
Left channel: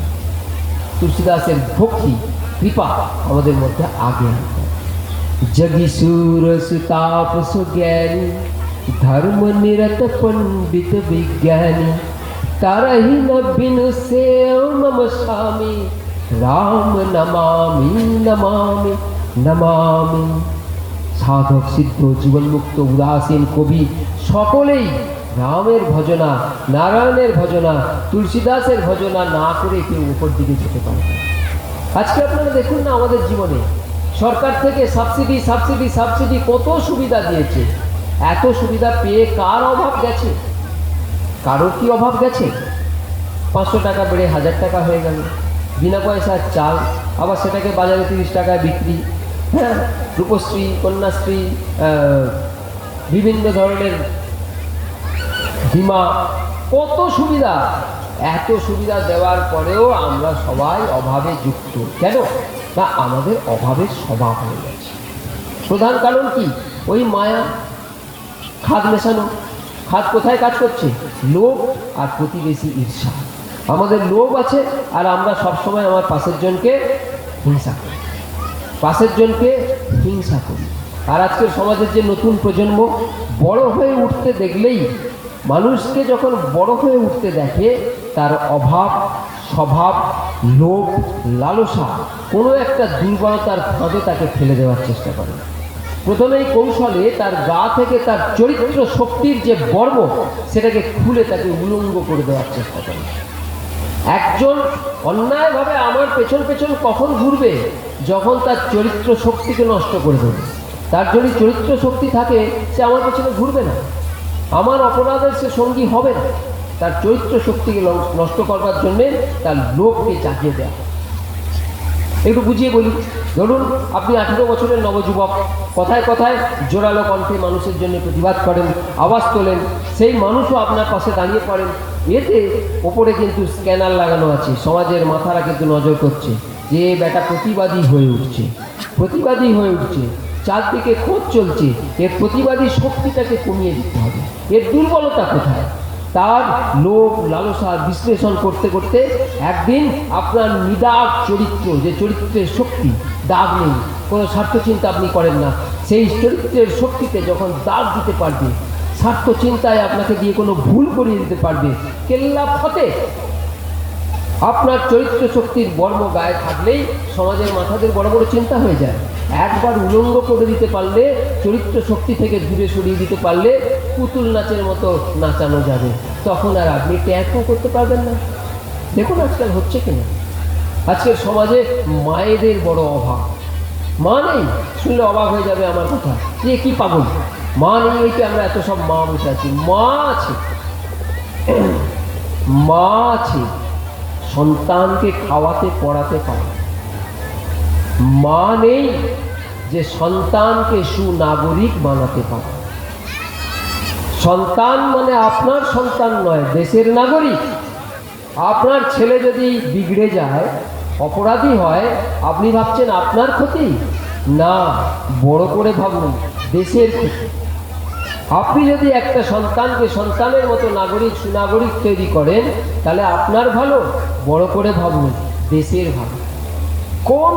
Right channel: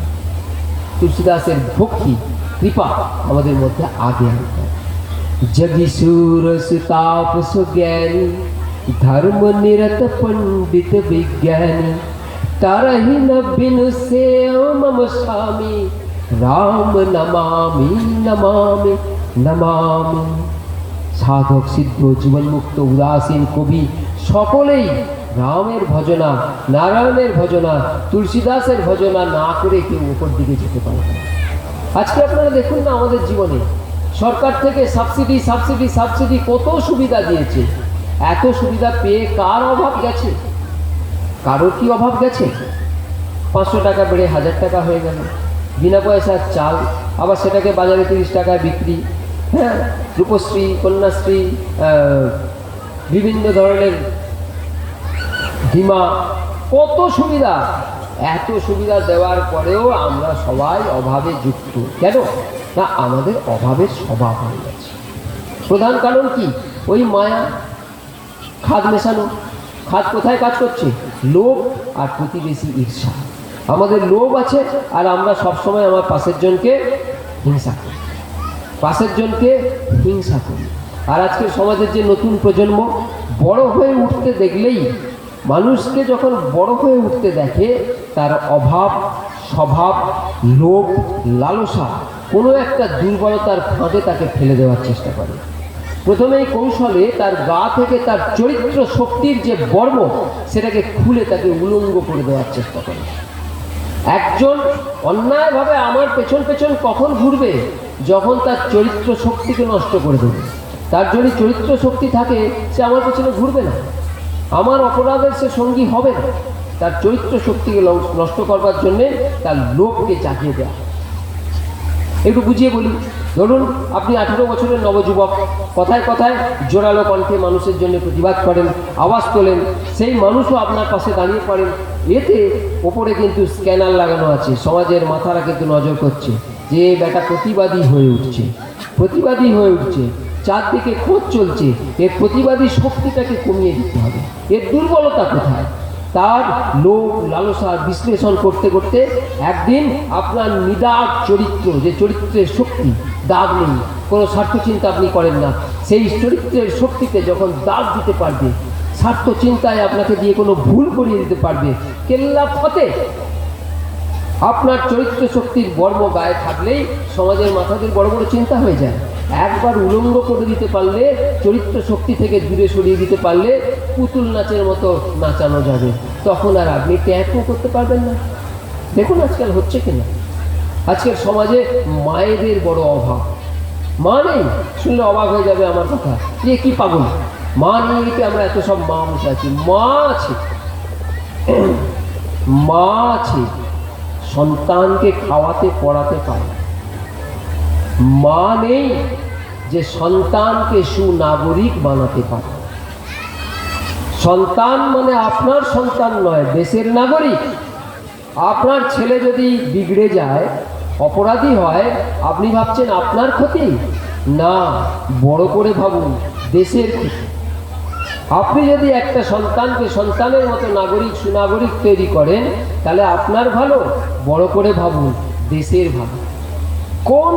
তুলসীদাসের ভক্তি কৃপা আমাদের মধ্যে আগে। जगी सूर सुताप सुज्ञानी, धर्म निरत पंडित विज्ञानी, तरहि न बिनु से मम स्वामी, राम नमामि नमामि नमामि। সাধক সিদ্ধ জীবনমুক্ত উদাসীন কবি সকলেই রামের ভজনা, নারায়ণের ভজনা, তুলসীদাসের ভজনা না করে কেউ উপর দিকে যেতে পারে। আজকে আপনারা দেখুন না, আমাদের জীবনে সরকার থেকে সাবসিডি সাবসিডি সাবসিডি কত সুবিধা দিয়েছে। এত সুবিধা পেয়ে কার অভাব গেছে? কারো কি অভাব গেছে? 500 টাকা বেড়ে 1000 টাকা হয়ে গেল, বিনা পয়সার চাল, আবার সেটাকে বাজারে 30 টাকায় বিক্রি। হ্যাঁ, রূপশ্রী, কন্যাশ্রী, বিভিন্ন ধরনের বীমা, কত সুবিধা। এত সুবিধা দেওয়ার পরেও আমরা সবাই অভাবে যুক্ত। কেন? না, আমাদের অভাবের স্বভাব হয়ে গেছে। প্রধান কারণ কি? ওই মায়া, খাদ মেশানো। খাদ কোথায় কাজ করছে? লোভ আর প্রতিবেশী ঈর্ষা। আমাদের লোভ আছে আর আমরা সবসময় আমার পাশের জনকে হিংসা করি, পাশের জনকে হিংসা করি। আর আজকের সমাজের যে নতুন প্রজন্ম বড় হয়ে উঠতে দেখলেই, মানুষকে যখন বড় হয়ে উঠতে দেখে, তার অভাব, স্বভাব, লোভ, লালসা কোনো একটা দুর্বলতার ফাঁদে তাকে ফেলে দেওয়ার চেষ্টা করে। প্রথমেই কৌশলে তার গা থেকে তার চরিত্র শক্তির যে বর্ম, সেটাকে খুলে তাকে উলঙ্গ করে দেওয়ার চেষ্টা করে। একজন অন্যায়ভাবে আমার পেছন পেছন কখন ঘুরবে? যখন তার চরিত্র শক্তিকে নষ্ট করে দেবে। তার যদি চরিত্র শক্তি থাকে, সে আমার পেছনে ঘুরবে না, আমার অপরাধের সে সঙ্গী হবে না। তার চরিত্র শক্তিকে নষ্ট করবার জন্যে তার লোভকে জাগিয়ে দেয়। একটু বুঝিয়ে বলুন। ধরুন আপনি 18 বছরের নবযুবক, কথায় কথায় জোরালো কণ্ঠে মানুষের জন্য প্রতিবাদ করেন, আওয়াজ তোলেন, সেই মানুষও আপনার পাশে দাঁড়িয়ে পড়েন। এতে ওপরে কিন্তু স্ক্যানার লাগানো আছে, সমাজের মাথারা কিন্তু নজর করছে যে বেটা প্রতিবাদী হয়ে উঠছে, প্রতিবাদী হয়ে উঠছে, চারদিকে খোঁজ চলছে, এর প্রতিবাদী শক্তিটাকে কমিয়ে দিতে হবে। এর দুর্বলতা কোথায়? তার লোভ লালসা বিশ্লেষণ করতে করতে একদিন আপনার নিদাগ চরিত্র, যে চরিত্রের শক্তি, দাগ নেই, কোনো স্বার্থ চিন্তা আপনি করেন না, সেই চরিত্রের শক্তিতে যখন দাগ দিতে পারবে, স্বার্থ চিন্তায় আপনাকে দিয়ে কোনো ভুল করিয়ে দিতে পারবে, কেল্লা ফতে। আপনার চরিত্র শক্তির বর্ম গায়ে থাকলেই সমাজের মাথাদের বড় বড় চিন্তা হয়ে যায়। একবার উলঙ্গ করে দিতে পারলে, চরিত্র শক্তি থেকে দূরে সরিয়ে দিতে পারলে পুতুল নাচের মতো নাচানো যাবে, তখন আর আপনি ট্যাগও করতে পারবেন না। দেখুন আজকাল হচ্ছে কিনা, আজকের সমাজে মায়েদের বড় অভাব। মা নেই, শুনলে অবাক হয়ে যাবে আমার কথা, যে কি পাগল, মা নেই, এই আমরা এত সব মা বসে আছি। মা আছে, মা আছে, সন্তানকে খাওয়াতে পড়াতে পারে। মা নেই যে সন্তানকে সুনাগরিক বানাতে পারে। সন্তান মানে আপনার সন্তান নয়, দেশের নাগরিক। আপনার ছেলে যদি বিগড়ে যায়, অপরাধী হয়, আপনি ভাবছেন আপনার ক্ষতি? না, বড় করে ভাবুন, দেশের ক্ষতি। আপনি যদি একটা সন্তানকে সন্তানের মতো নাগরিক সুনাগরিক তৈরি করেন, তাহলে আপনার ভালো, বড় করে ভাবুন, দেশের ভালো। কোন